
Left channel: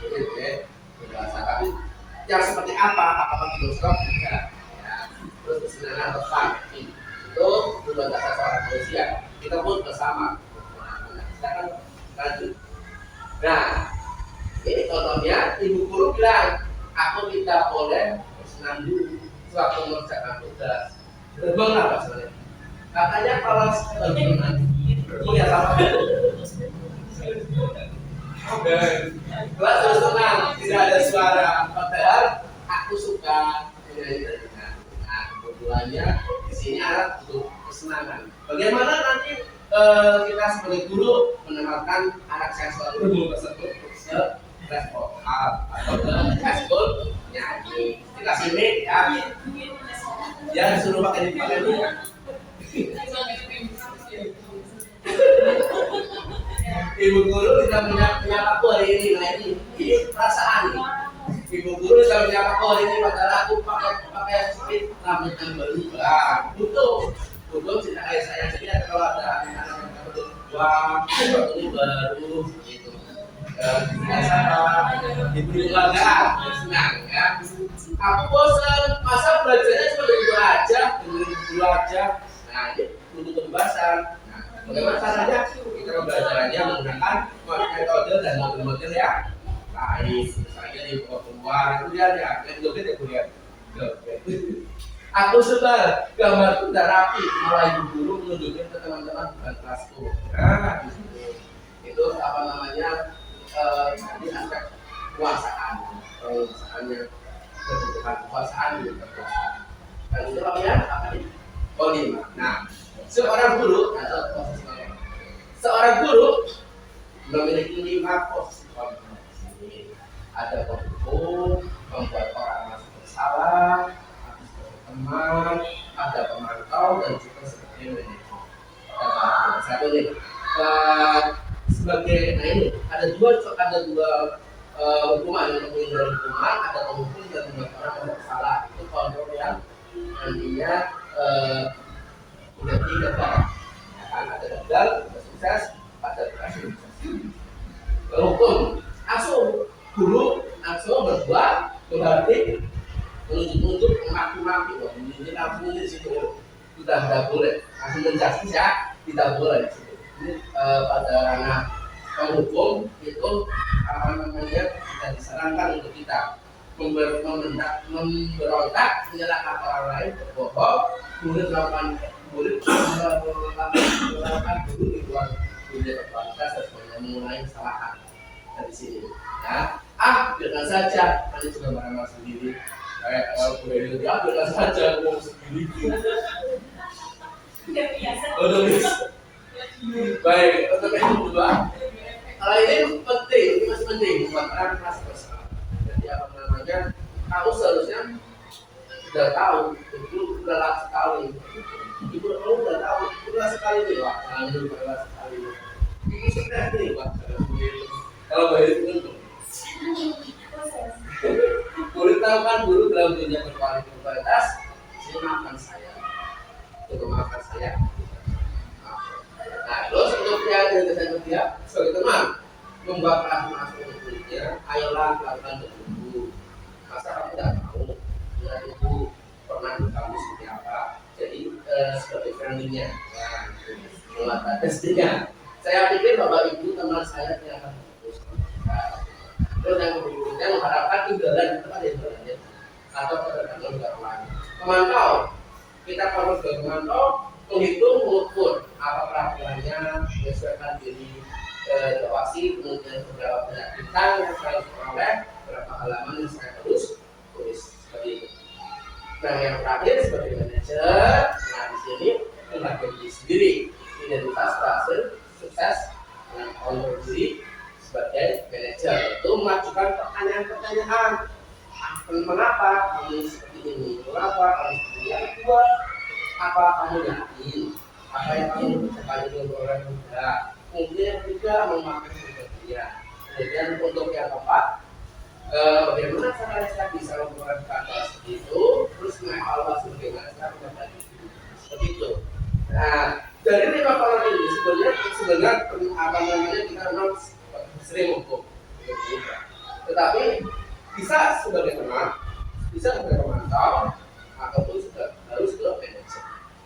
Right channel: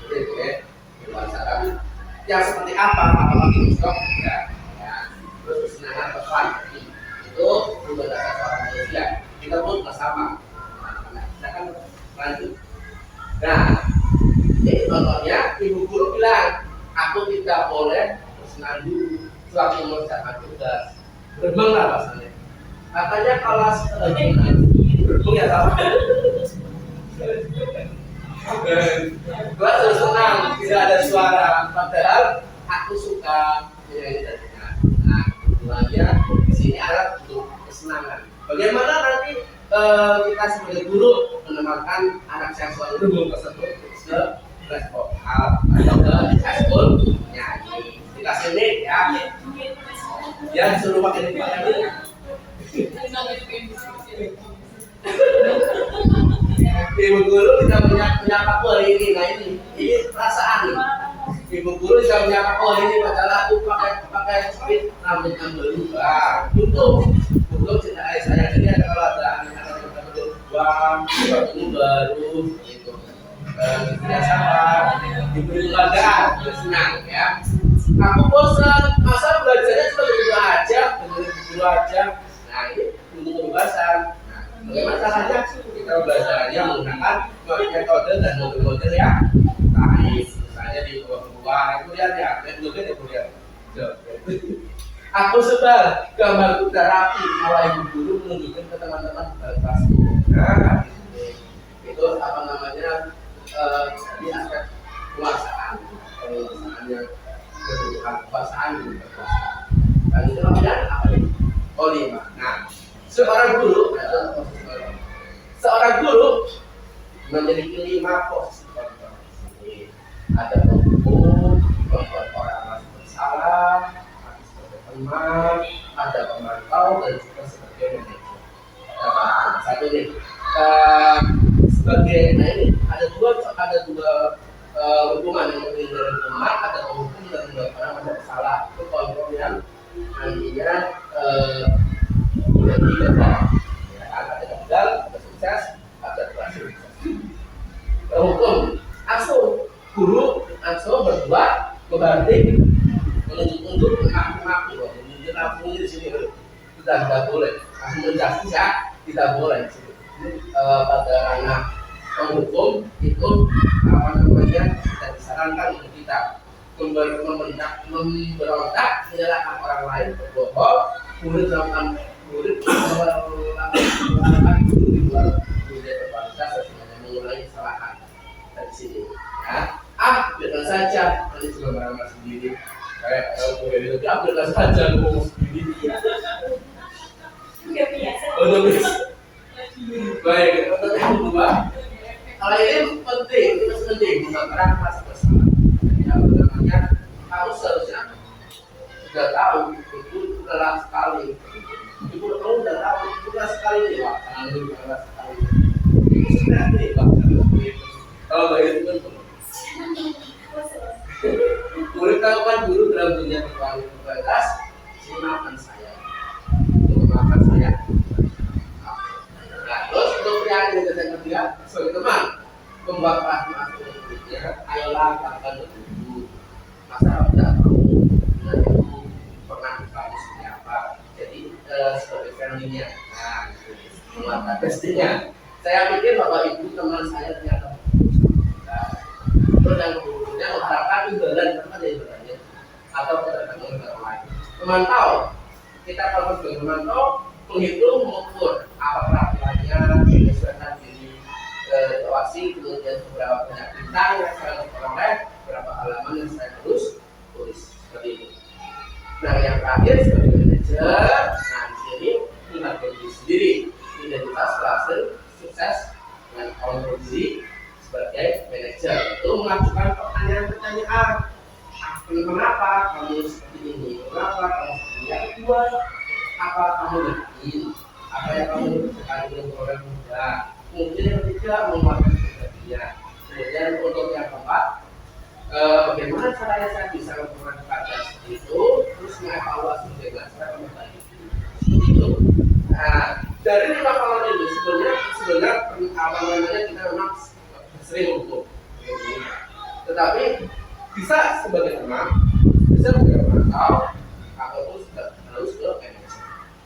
kebebasan. Tapi yang seperti apa? Apakah itu stop? Ya. Terus kesenangan pesan itu kebutuhan dasar seorang manusia. Kita pun bersama. Silakan lanjut. Nah, ini contohnya ibu guru bilang, aku tidak boleh bersenandung sewaktu mengerjakan tugas. Berenang lah maksudnya. Katanya kalau berenang ya sama. Kelas terus tenang, tidak ada suara. Padahal aku suka menyanyi dan dengar. Nah, keduanya di sini adalah untuk kesenangan. Bagaimana nanti kita sebagai guru menemukan anak seksual umum tersebut ke kelas vokal atau ke eskul nyanyi dikasih mic ya disuruh pakai mic ya. Ibu guru tidak menyapa hari ini. Nah ini perasaan nih. Ibu guru tidak menyapa ini padahal aku pakai speed rambut yang berubah. Untuk tidak saya jadi kalau ada anak-anak yang betul uang ini baru gitu. Tidak sabar, diberi pelajaran, senang ya. Aku bosan, masa belajarnya cuma begitu aja, begitu aja. Nah ini untuk kebebasan. Nah, bagaimana caranya? Kita belajarnya menggunakan metode dan model-model yang lain. Misalnya di luar kuliah ya, ya kuliah. Aku sebar gambar udah rapi, malah ibu guru menunjukin ke teman-teman kelasku. Nah, itu apa namanya di aspek penguasaannya kebutuhan kekuasaan gitu kekuasaan. Dan itu namanya apa nih? Kolima. Nah, seorang guru memiliki 5 posisi kontrol. Ada penghukum, membuat orang merasa bersalah, teman, ada pemantau dan juga sebagai manajer. Satu nih, sebagai nah ini ada dua hukuman yang menghindari hukuman, ada penghukum dan membuat orang merasa bersalah. Itu kontrol yang nantinya tidak digagal. Ya kan, ada gagal, ada sukses, ada berhasil. Penghukum langsung guru langsung berbuat berbanding menunjuk mengaku menunjuk langsung di sini sudah tidak boleh langsung menjastis ya tidak boleh. Ini pada ranah penghukum itu apa namanya tidak disarankan untuk kita memberontak menyalahkan orang lain berbohong murid melakukan guru di luar dunia berkualitas dan semuanya mengulangi kesalahan dari sini ya biarkan saja nanti juga marah-marah sendiri kayak boleh biarkan saja ngomong sendiri udah biasa baik tapi yang kedua hal ini penting ini masih penting buat orang masih bersalah jadi apa namanya kamu seharusnya sudah tahu itu lelah sekali ibu kamu sudah tahu itu lelah sekali nih pak jangan dulu lelah sekali ini sudah nih pak kalau bahaya itu kan murid tahu kan guru dalam dunia berkualitas memaafkan saya nah terus untuk yang ketiga sebagai teman membuat perasaan muridnya ayolah lakukan begitu masalah tidak tahu dan itu pernah kamu seperti apa jadi sebagai friendly-nya nah melatih testingnya saya pikir bapak ibu teman saya ternyata terus yang berikutnya mengharapkan imbalan atau ketergantungan negara lain. Memantau, kita kalau sebagai memantau, menghitung, mengukur apa peraturannya, menyesuaikan diri awasi, kemudian beberapa banyak bintang yang saya harus peroleh, berapa halaman yang saya harus tulis seperti itu. Nah yang terakhir sebagai manajer, nah di sini menghargai diri sendiri, identitas berhasil, sukses, dan kontribusi sebagai manajer itu mengajukan pertanyaan-pertanyaan mengapa kamu seperti ini, mengapa kamu seperti yang kedua, apa kamu yakin apa yang kamu kerjakan itu untuk orang muda. Kemudian yang ketiga, menguatkan dia. Kemudian untuk yang keempat, bagaimana caranya saya bisa memperoleh karya itu, terus mengevaluasi bagaimana cara membagi seperti itu. Nah, dari 5 pola ini sebenarnya apa namanya kita memang sering untuk, tetapi bisa sebagai teman, bisa sebagai pemantau, ataupun sudah harus ke manajer.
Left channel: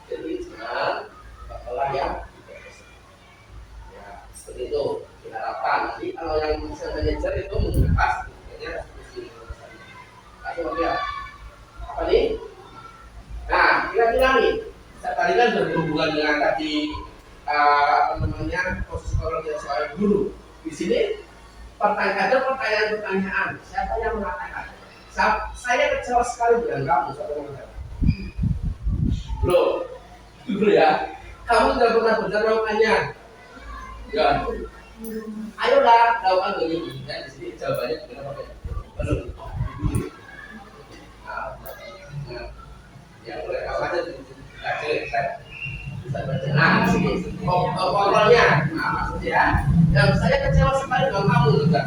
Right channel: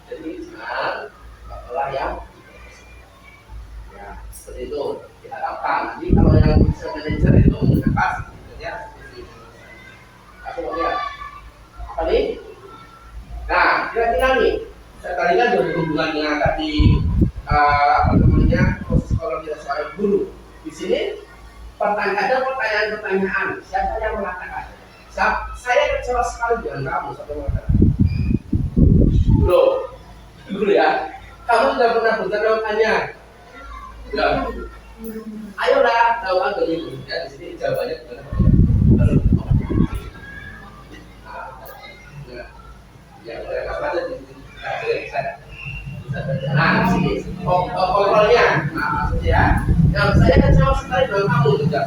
Jadi jangan setelah yang ya seperti itu diharapkan. Nanti kalau yang bisa manajer itu menggunakan ya aku mau lihat apa nih? Nah, kira-kira nih saya tadi kan berhubungan dengan tadi apa namanya proses kalau kita soal guru. Di sini ada pertanyaan siapa yang mengatakan saya kecewa sekali dengan kamu, siapa yang mengatakan guru ya, kamu tidak pernah bertanya ya, ayolah lakukan begini ya. Di sini jawabannya benar ya, boleh kasih aja saya bisa baca. Nah, di sini kontrolnya, maksudnya yang saya kecewa sekali dengan kamu juga.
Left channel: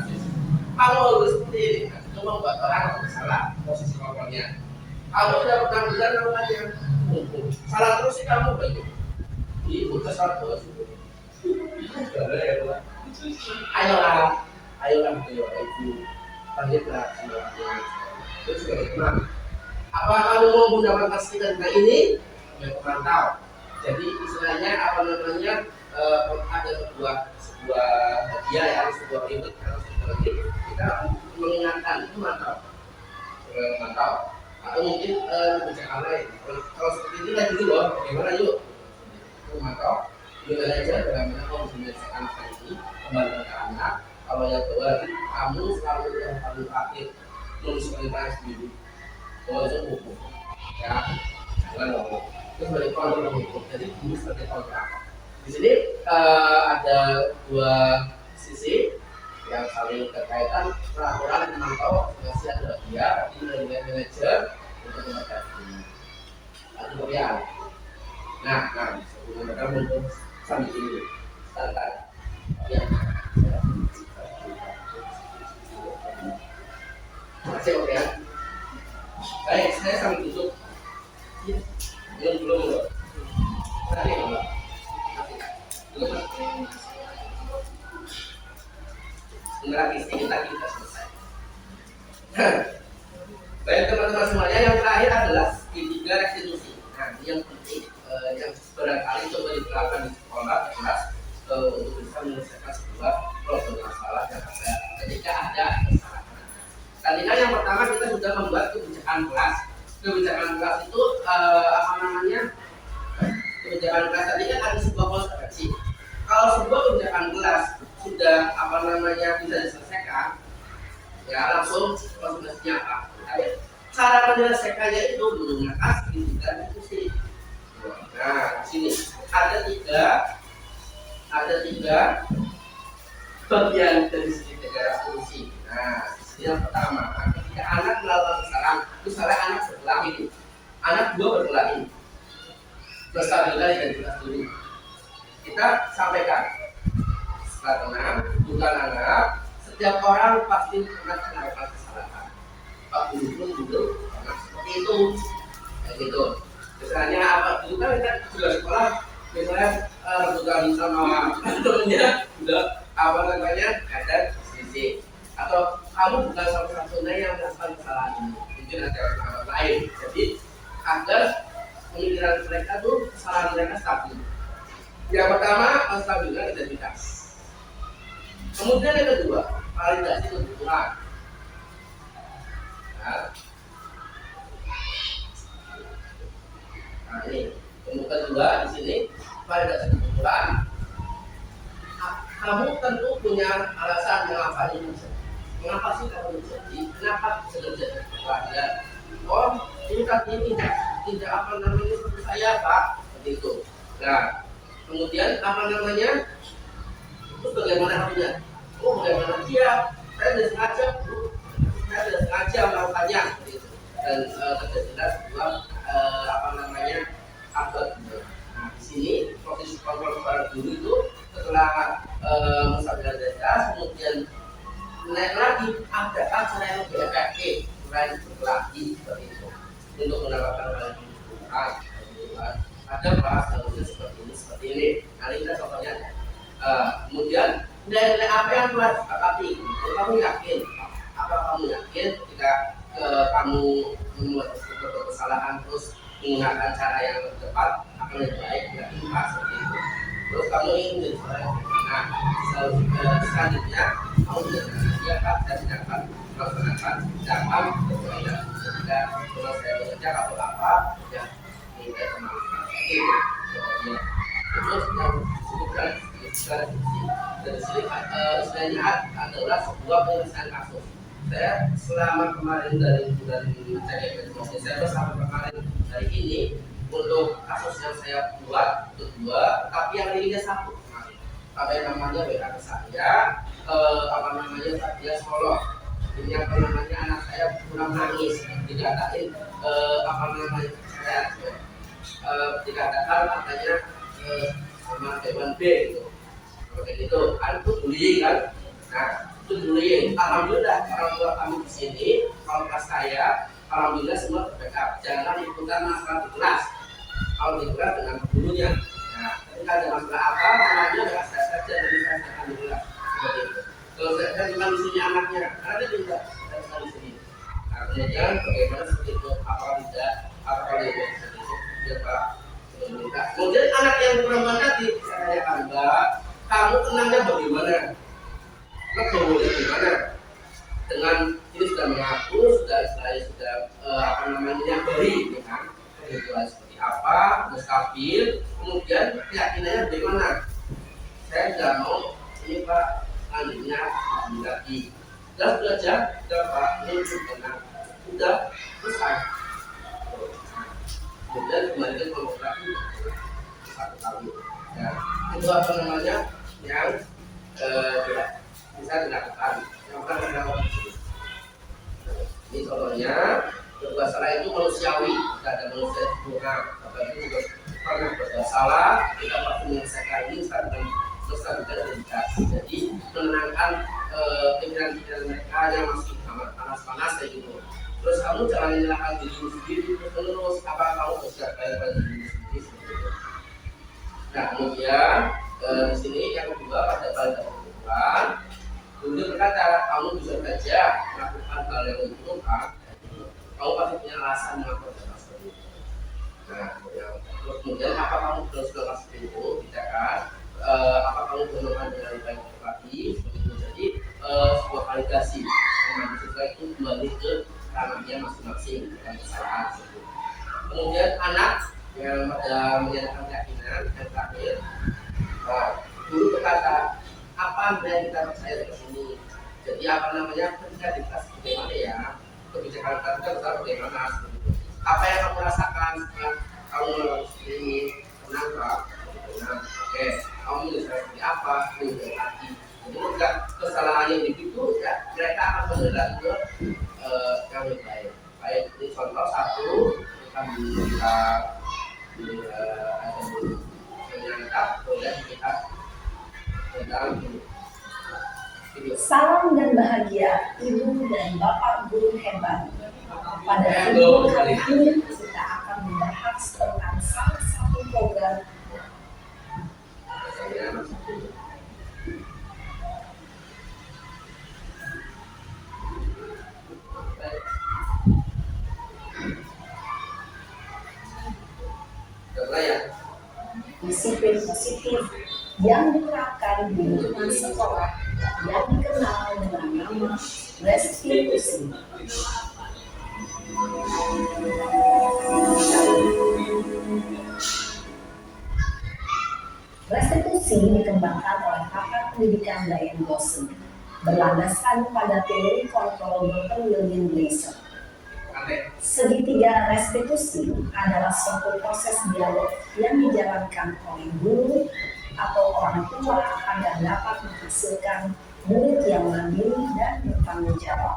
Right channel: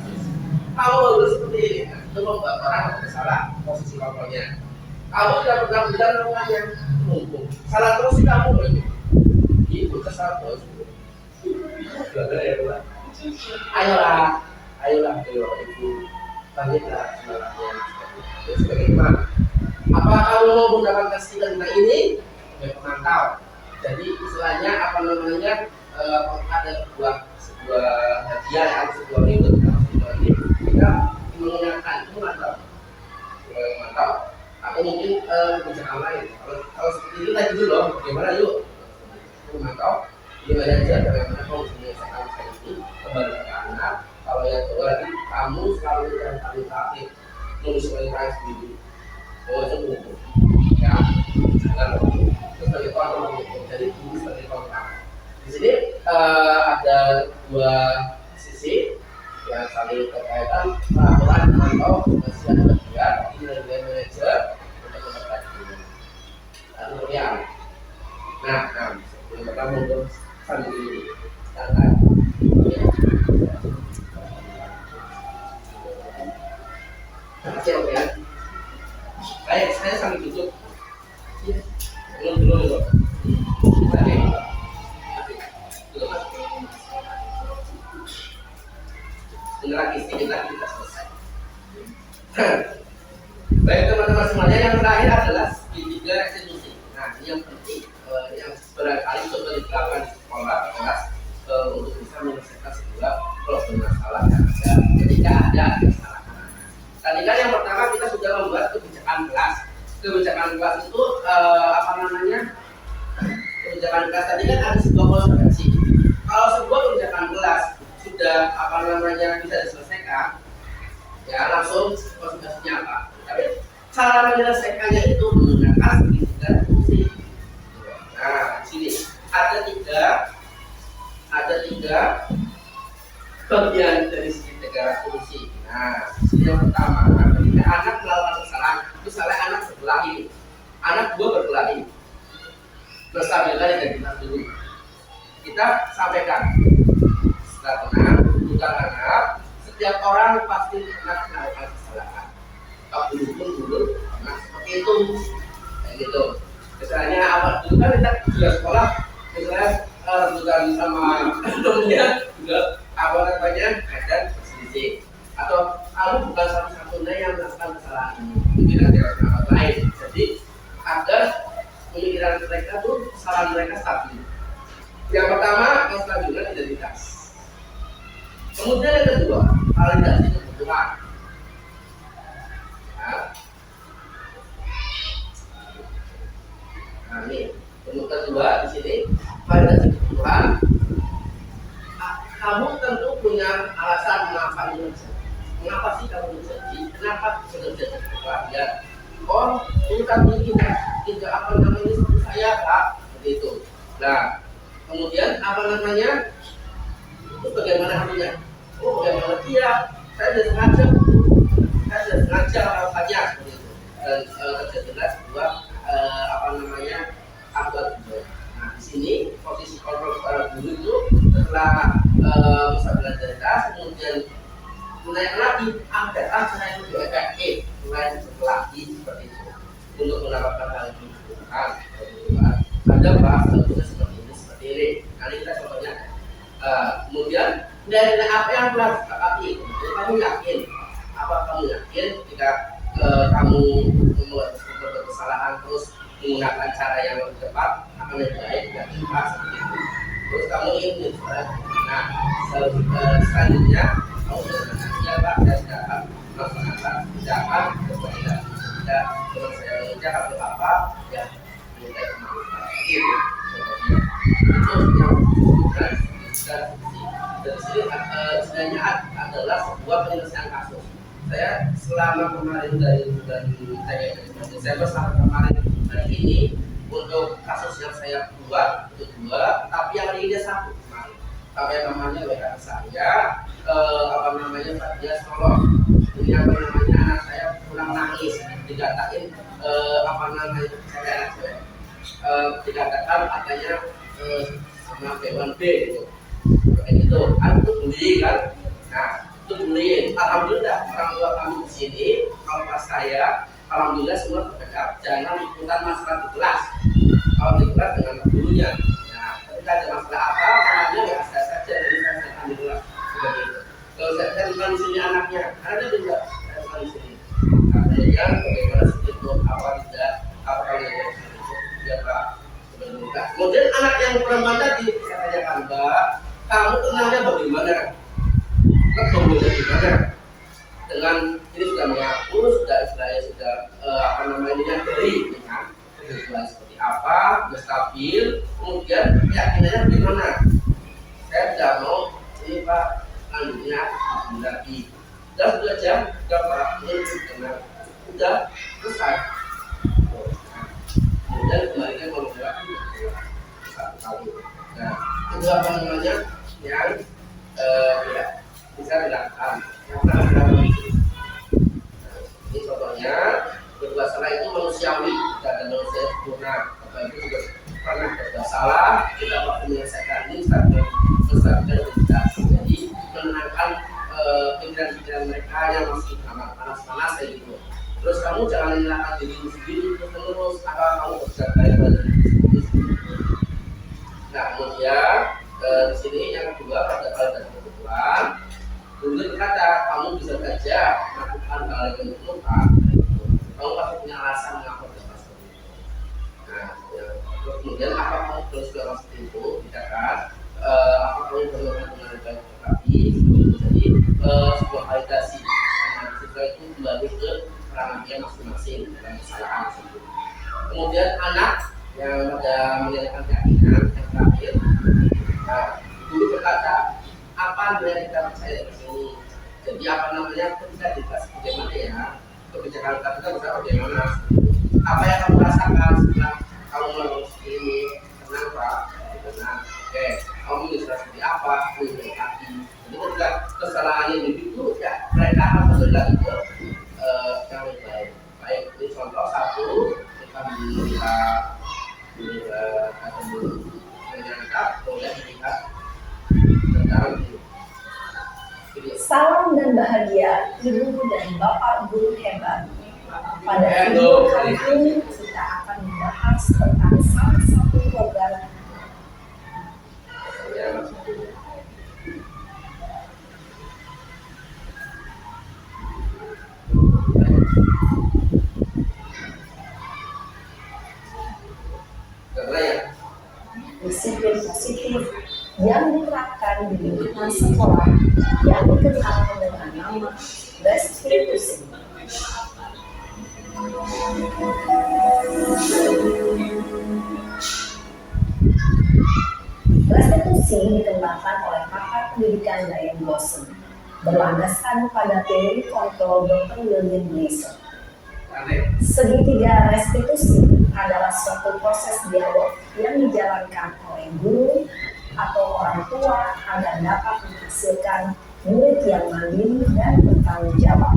Kamu harus seperti ini. Nah, itu membuat orang bersalah posisi kontrolnya. Kamu tidak pernah benar melakukannya. Salah terus sih kamu begini. Ibu kesal terus. Ayolah ibu, bangkitlah semangatnya. Terus bagaimana? Apa kamu mau mendapatkan stiker ini? Sebagai pemantau. Jadi istilahnya apa namanya? Ada sebuah hadiah yang sebuah ribet ini kita mengingatkan memantau atau mungkin kebijakan lain. Kalau seperti ini tadi dulu loh, bagaimana yuk memantau gimana aja bagaimana kamu menyelesaikan ini kembali ke anak. Kalau yang kedua lagi kamu selalu yang paling terakhir nulis mengenai sendiri itu hukum ya, jangan itu sebagai kontrol hukum. Jadi ini sebagai kontrol. Di sini ada dua sisi yang saling berkaitan, peraturan memantau kesian bagian nilai manajer untuk memperbaiki. Lalu kemudian, nah sebelum kita mundur sambil ini santai. Terima kasih Om ya. Saya sambil tutup. Iya. Dulu. Sebentar lagi sedikit lagi kita selesai. Baik teman-teman semuanya, yang terakhir adalah segitiga restitusi. Nah ini yang penting, yang barangkali coba diterapkan di sekolah kelas untuk bisa menyelesaikan sebuah problem masalah yang ada ketika ada kesalahan. Tadi kan yang pertama kita sudah membuat kebijakan kelas. Kebijakan kelas itu apa namanya? Kebijakan kelas tadi kan ada sebuah konsekuensi. Kalau sebuah kebijakan kelas sudah apa namanya bisa diselesaikan, ya langsung konsekuensinya apa? Tapi cara menyelesaikannya itu menggunakan segitiga restitusi. Nah di sini ada tiga bagian dari segitiga restitusi. Nah di sini yang pertama, ketika anak melakukan kesalahan, misalnya anak berkelahi, anak dua berkelahi, menstabilkan identitas dulu. Kita sampaikan karena bukan anak, setiap orang pasti pernah melakukan kesalahan. Pak dulu pernah seperti itu, kayak gitu. Misalnya awal dulu kan kita juga sekolah, misalnya rebutan sama temennya, udah apa namanya ada selisih. Atau kamu bukan satu-satunya yang melakukan kesalahan ini, tidak ada tempat lain. Jadi agar pemikiran mereka tuh kesalahan mereka stabil. Yang pertama, stabilkan identitas. Kemudian yang kedua, validasi kebutuhan. Nah ini untuk kedua di sini validasi kebutuhan. Kamu tentu punya alasan mengapa ini terjadi. Mengapa sih kamu terjadi? Kenapa bisa terjadi kebahagiaan? Oh, ini tadi tidak apa namanya seperti saya Pak, begitu. Nah, kemudian apa namanya? Terus bagaimana artinya? Oh, bagaimana dia? Saya sudah sengaja melakukannya seperti itu. Dan terjadilah sebuah apa namanya akibat. Nah, di sini proses setelah musabila cerdas, kemudian naik lagi, ada cara yang lebih efektif selain berlatih seperti itu untuk mendapatkan hal yang dibutuhkan. Ada bahas tentunya seperti ini. Kali kita contohnya. Kemudian dari apa yang telah disepakati, kamu yakin? Apa kamu yakin ketika kamu membuat kesalahan terus menggunakan cara yang lebih tepat akan lebih baik dan pas seperti itu. Terus kamu ingin nah selanjutnya kamu ya Pak, saya tidak akan melaksanakan tindakan tidak kalau saya menginjak atau apa ya minta maaf itu yang bukan dari sini sebenarnya adalah sebuah penyelesaian kasus. Saya selama kemarin dari bulan Desember sampai kemarin hari ini untuk kasus yang saya buat itu 2, tapi yang hari ini 1 kemarin. Apa yang namanya WA ke saya, dia Solo. Ini anak saya pulang nangis, dikatain dikatakan katanya sama dewan B gitu. Kayak gitu, kan itu bullying kan. Nah, itu bullying. Alhamdulillah orang tua kami di sini, kalau pas saya, alhamdulillah semua terbackup. Jangan ikutan masalah di kelas. Kalau di kelas dengan gurunya. Nah, ketika ada masalah apa, makanya nggak saya saja, jadi saya akan di kelas. Seperti itu. Kalau saya bukan di sini anaknya, ada juga saya bukan di sini. Artinya bagaimana itu apa tidak, apa kalau itu ya Pak. Kemudian anak yang perempuan tadi saya tanyakan, Mbak, kamu kenalnya bagaimana? Ketemu gimana? Dengan ini sudah mengaku, sudah nyadari, ya kan? Kebetulan seperti apa, sudah stabil, kemudian keyakinannya bagaimana? Saya tidak mau ini Pak, selanjutnya lagi. Dan sudah aja, Pak, ini benar, sudah selesai. Kemudian kemarin kan kalau lagi 1 kali. Nah, itu apa namanya yang ya bisa dilakukan. Yang pernah dilakukan ini contohnya berbuat salah itu manusiawi, tidak ada manusia sempurna. Bapak Ibu juga pernah berbuat salah, kita waktu menyelesaikan ini selesai identitas. Jadi menenangkan pikiran-pikiran mereka yang masih amat panas-panas kayak gitu. Terus kamu jangan menyalahkan dirimu sendiri terus apa kamu bersikap baik pada diri sendiri. Nah kemudian di sini yang kedua pada validasi kebetulan, guru berkata kamu bisa saja melakukan hal yang dibutuhkan, kamu pasti punya alasan mengapa jangan seperti itu. Nah terus kemudian apa kamu terus melakukan seperti itu, tidak kan? Apa kamu melakukan dengan baik tetapi jadi sebuah validasi yang mahasiswa itu kembali ke ranahnya masing-masing dalam kesalahan tersebut. Kemudian anak yang pada menyatakan keyakinan yang terakhir, guru berkata apa yang kita percaya di sini. Jadi apa namanya ketika dikasih bagaimana ya kebijakan kita bagaimana, apa yang kamu rasakan setelah kamu melakukan ini, tenang Pak, tenang, oke, kamu bisa seperti apa, lebih lagi. Jadi ketika kesalahan yang itu ya mereka akan kembali ke yang lebih baik. Baik, ini contoh satu kita ada menyangka boleh melihat tentang salam dan bahagia Ibu dan Bapak guru hebat. Pada video kali ini kita akan membahas tentang salah satu program disiplin positif yang diterapkan di lingkungan sekolah yang dikenal dengan nama restitusi. Restitusi dikembangkan oleh pakar pendidikan Diane Goshen berlandaskan pada teori kontrol Dr. William Gleason. Segitiga restitusi adalah suatu proses dialog yang dijalankan oleh guru atau orang tua agar dapat menghasilkan murid yang mandiri dan bertanggung jawab.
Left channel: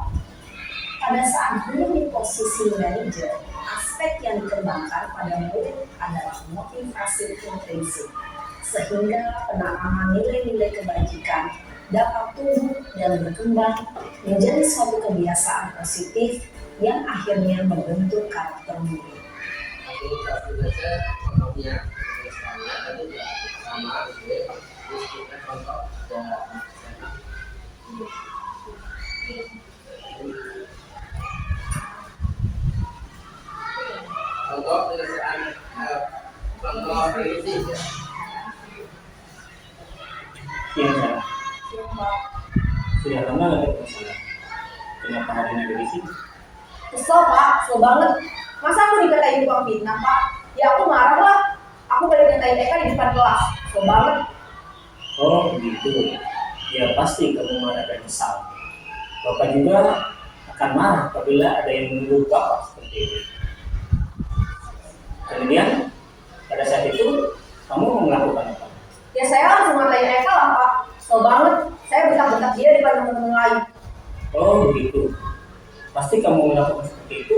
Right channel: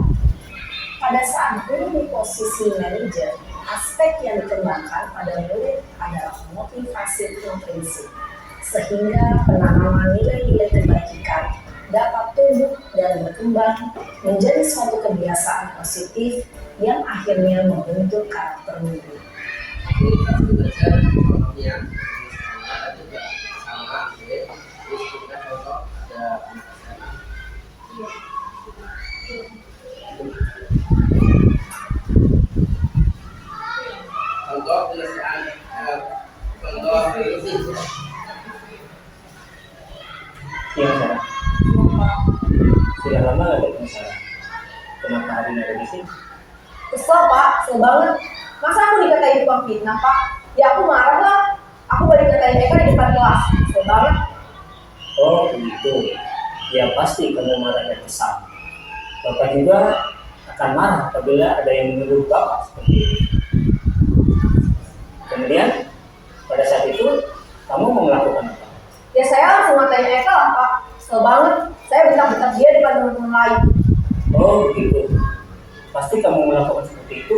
Pada saat guru di posisi manajer, aspek yang dikembangkan pada murid adalah motivasi intrinsik. sehingga penanaman nilai-nilai kebajikan dapat tumbuh dan berkembang menjadi suatu kebiasaan positif yang akhirnya membentuk karakter murid. Lalu satu saja contohnya, misalnya tadi nggak sama, terus kita contoh ada contoh penyelesaian contoh kritis ya. Iya salah. Sudah lama nggak ketemu salah. Kenapa hari ini ada di sini? Kesel Pak, kesel banget. Masa aku dikatain tukang fitnah Pak? Ya aku marah lah. Aku balik ngatain Eka di depan kelas. Kesel banget. Oh begitu. Ya pasti kamu marah dan kesal. Bapak juga akan marah apabila ada yang menuduh Bapak seperti itu. Kemudian pada saat itu kamu mau melakukan apa? Ya saya langsung ngatain Eka lah Pak. Kesel banget. Saya bentak-bentak dia di depan teman-teman lain. Oh begitu. Pasti kamu melakukan seperti itu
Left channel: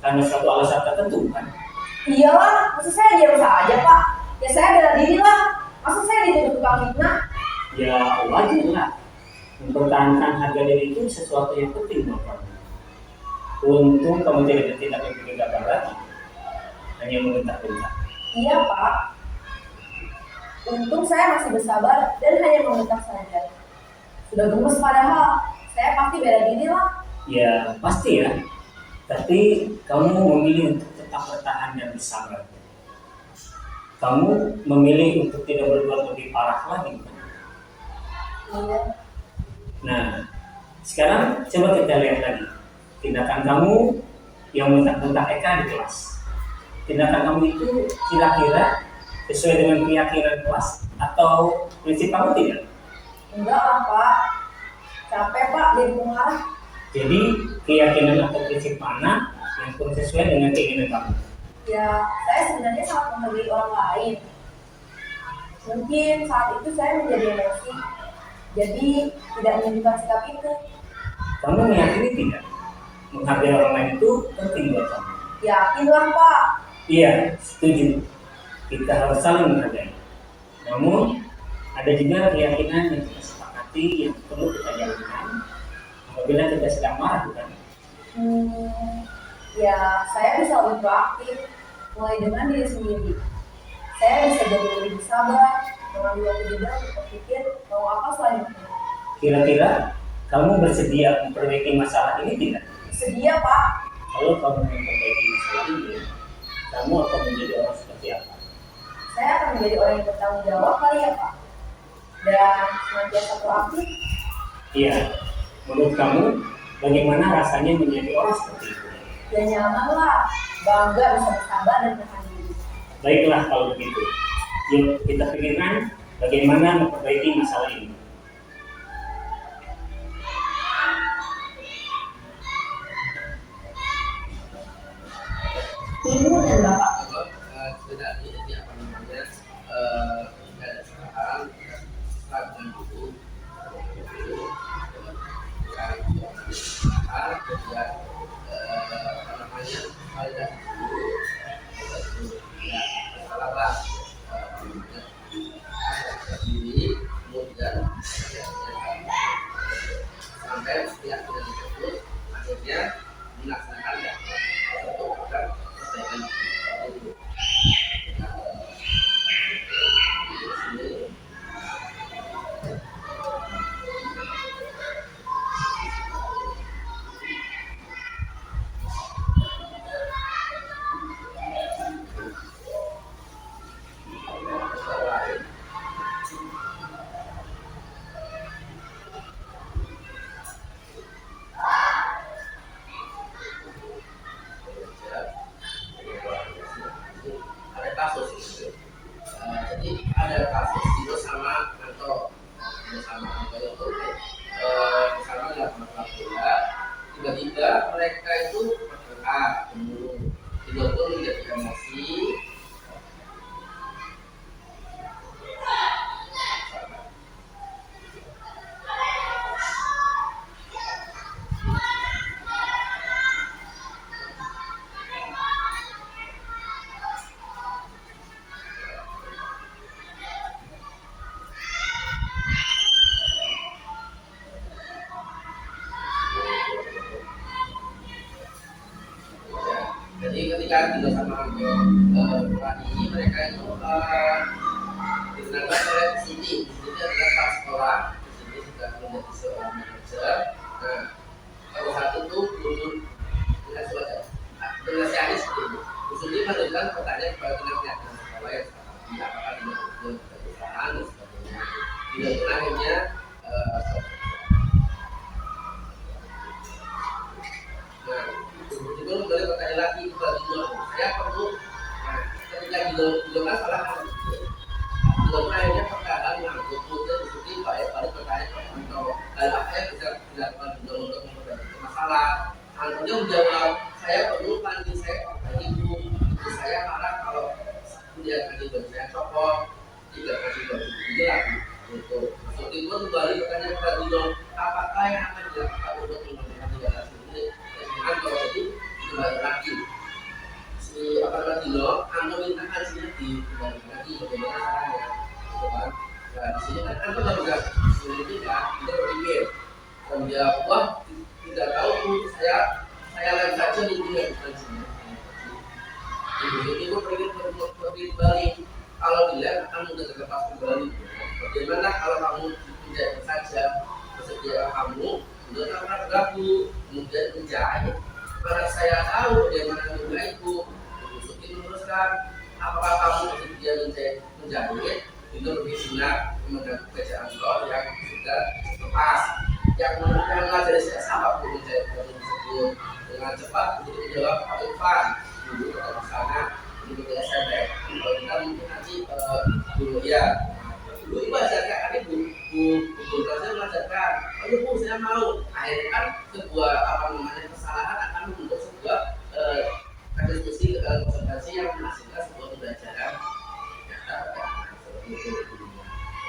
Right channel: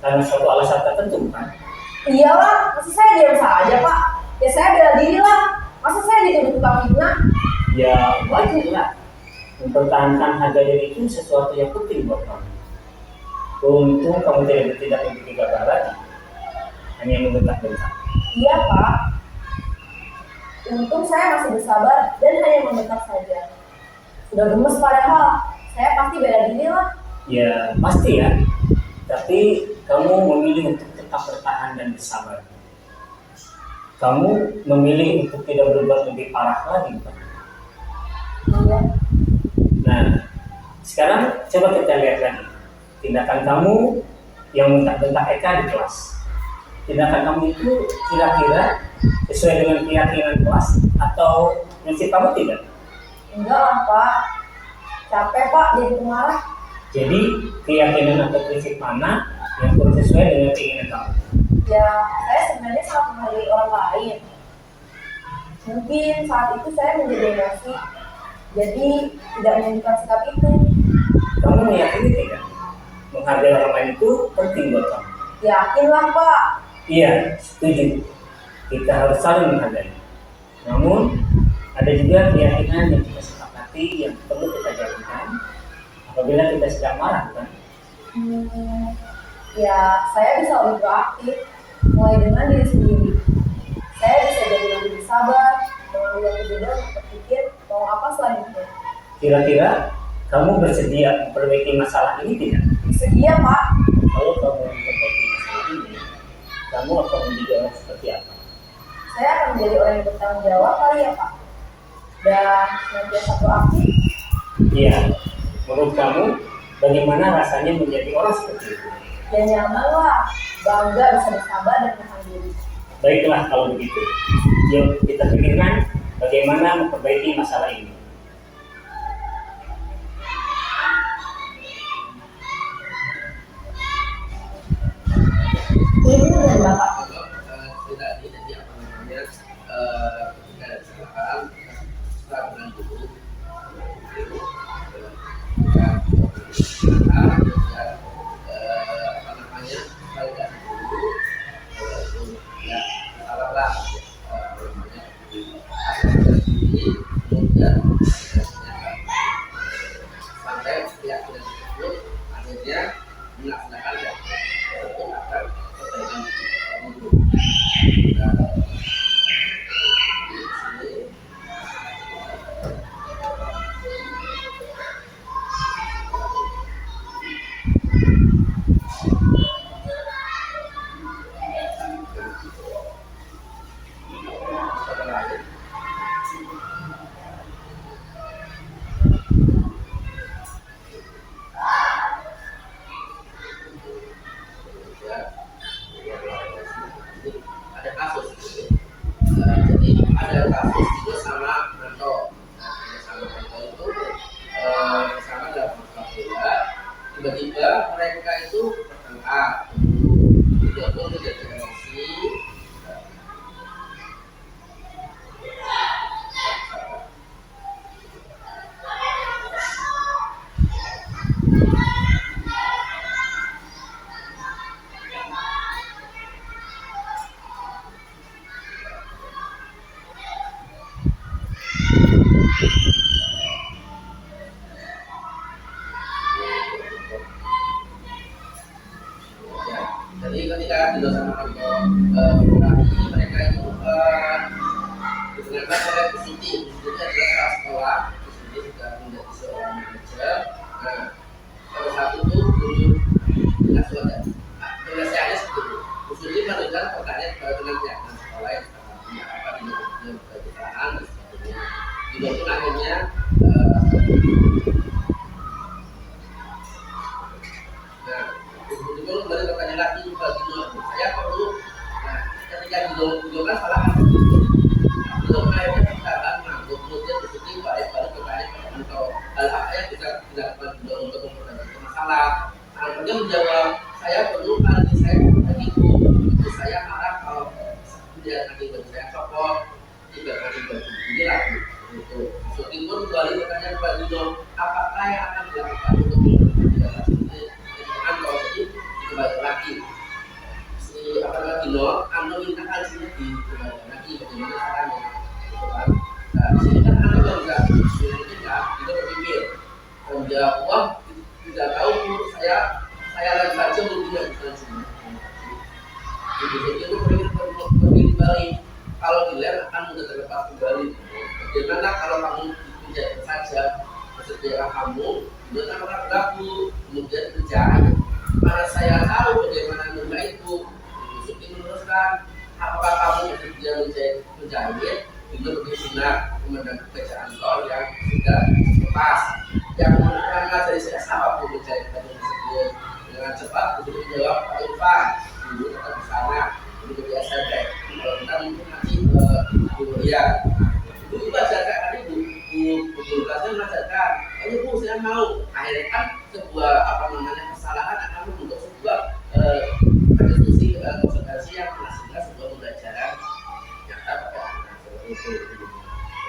karena suatu alasan tertentu kan? Iyalah, masa saya diam saja Pak? Ya saya bela diri lah. Masa saya dituduh tukang fitnah? Ya wajar lah. Mempertahankan harga diri itu sesuatu yang penting buat kamu. Untung kamu tidak bertindak lebih gegabah lagi, hanya membentak-bentak. Iya Pak. Untung saya masih bersabar dan hanya membentak saja. Sudah gemes padahal. Saya pasti bela diri lah. Ya pasti ya. Tapi kamu memilih untuk tetap bertahan dan bersabar. Kamu memilih untuk tidak berbuat lebih parah lagi, bukan? Iya. Nah, sekarang coba kita lihat lagi tindakan kamu yang bentak-bentak Eka di kelas. Tindakan kamu itu kira-kira sesuai dengan keyakinan kelas atau prinsip kamu tidak? Enggak lah Pak. Capek Pak jadi pemarah. Jadi keyakinan atau prinsip mana yang perlu sesuai dengan keinginan kamu? Ya, saya sebenarnya sangat menghargai orang lain. Mungkin saat itu saya menjadi emosi. Jadi tidak menunjukkan sikap itu. Kamu meyakini tidak? Menghargai orang lain itu penting buat kamu. Yakinlah Pak. Iya, setuju. Kita harus saling menghargai. Namun, ada juga keyakinan yang kita sepakati yang perlu kita jalankan apabila kita sedang marah, bukan? Ya, saya bisa lebih proaktif. Mulai dengan diri sendiri. Saya bisa jadi lebih sabar, mengambil waktu jeda untuk berpikir mau apa selanjutnya. Kira-kira kamu bersedia memperbaiki masalah ini tidak? Bersedia Pak. Kalau kamu memperbaiki masalah ini, kamu akan menjadi orang seperti apa? Saya akan menjadi orang yang bertanggung jawab kali ya Pak. Dan senantiasa proaktif. Iya, menurut kamu bagaimana rasanya menjadi orang seperti itu? Dan nyaman lah, bangga bisa bersabar dan menahan diri. Baiklah kalau begitu. Yuk kita pikirkan bagaimana memperbaiki masalah ini. Ibu dan Bapak. Tidak jadi apa namanya ada kesalahan setelah dengan guru ya apa namanya validasi dulu itu ya salah lah apa namanya asli kemudian sampai keyakinan tersebut akhirnya dilaksanakan ya tentu akan perbaikan itu. Ada kasus gitu. Jadi ada kasus juga sama Anto. Sama Anto itu bersama dalam masalah bola. Tiba-tiba mereka itu bertengkar dulu. Itu menjadi emosi. ketika Dino sama Anto tadi mereka itu digunakan oleh Kusiti. Kusiti adalah kepala sekolah. Kusiti sudah menjadi seorang manajer. Nah, pada saat itu dulu penyelesaiannya seperti itu. Kusiti memberikan pertanyaan kepada pihak sekolah yang sama, apakah Dino betul sebagai kesalahan dan sebagainya. Dino pun akhirnya itu kembali bertanya lagi kepada Dino, saya perlu. Nah, ketika Dino kan salah, Dino pun akhirnya terkadang menganggap kemudian Kusiti balik bertanya kepada Anto, hal apa yang bisa dilakukan Dino untuk memperbaiki masalah. Antonya menjawab, saya perlu nanti saya tadi itu saya marah kalau dia nanti baju saya copot, tidak kasih baju ini lagi. Itu Kusiti pun kembali bertanya kepada Dino, apakah yang akan dilakukan untuk memperbaiki ini? Anto jadi kembali lagi si Dino, Anto minta hasilnya dikembalikan lagi bagaimana caranya, gitu kan? Nah di sini kan Anto juga menyelidikkan, Dino berpikir menjawab, wah tidak tahu saya lain saja mungkin tidak bukan sini. Jadi Dino berpikir kembali, kalau dilihat akan mudah terlepas kembali. Bagaimana kalau kamu tidak saja bersedia kamu, Dino tak pernah berlaku, kemudian menjahit. Mana saya tahu bagaimana membaikku. Kusiti meneruskan, apakah kamu bersedia menjahit? Dino bersinar memandang pekerjaan kau yang sudah lepas. Yang mengajari saya sama pun menjahit baju tersebut. Dengan cepat Kusiti menjawab, Pak Irfan, dulu tetap di sana, dulu di SMP. Kalau kita mungkin nanti dulu ya. Dulu ibu ajarkan, adik bu kelasnya mengajarkan, oh bu saya mau. Akhirnya kan sebuah kesalahan akan membentuk sebuah diskusi konsultasi yang menghasilkan sebuah pembelajaran nyata pada anak seperti itu.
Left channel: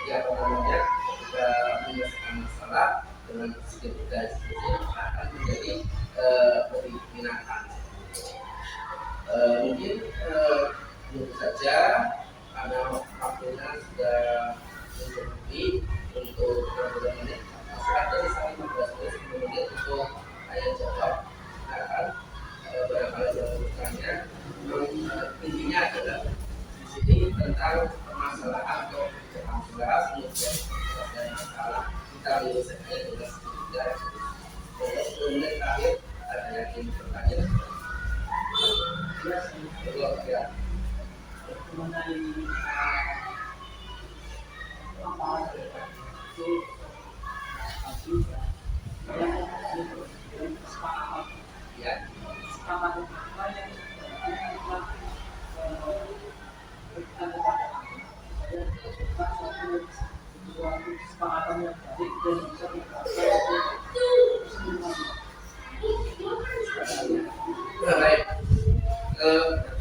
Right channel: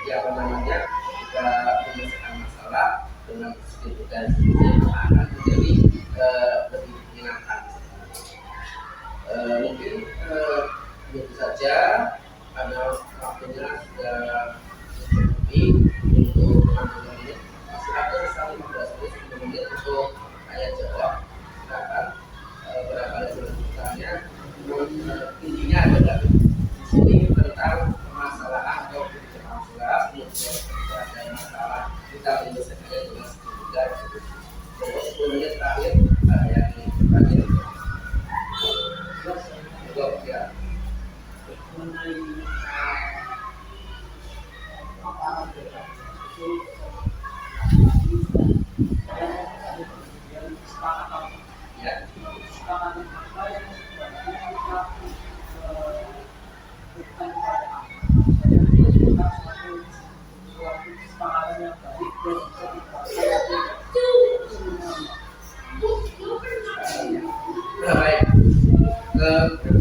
Jadi ketika menyelesaikan masalah dengan diskusi dan diskusi akan menjadi lebih menyenangkan. Mungkin itu saja karena waktunya sudah mencukupi untuk 60 menit. Masih ada sisa 15 menit untuk tanya jawab. Silakan barangkali bertanya. Intinya adalah di sini tentang permasalahan atau masalah, kemudian ada masalah kita menyelesaikannya dengan segitiga. Untuk 10 menit terakhir ada yang ingin bertanya? Ya. Mengenai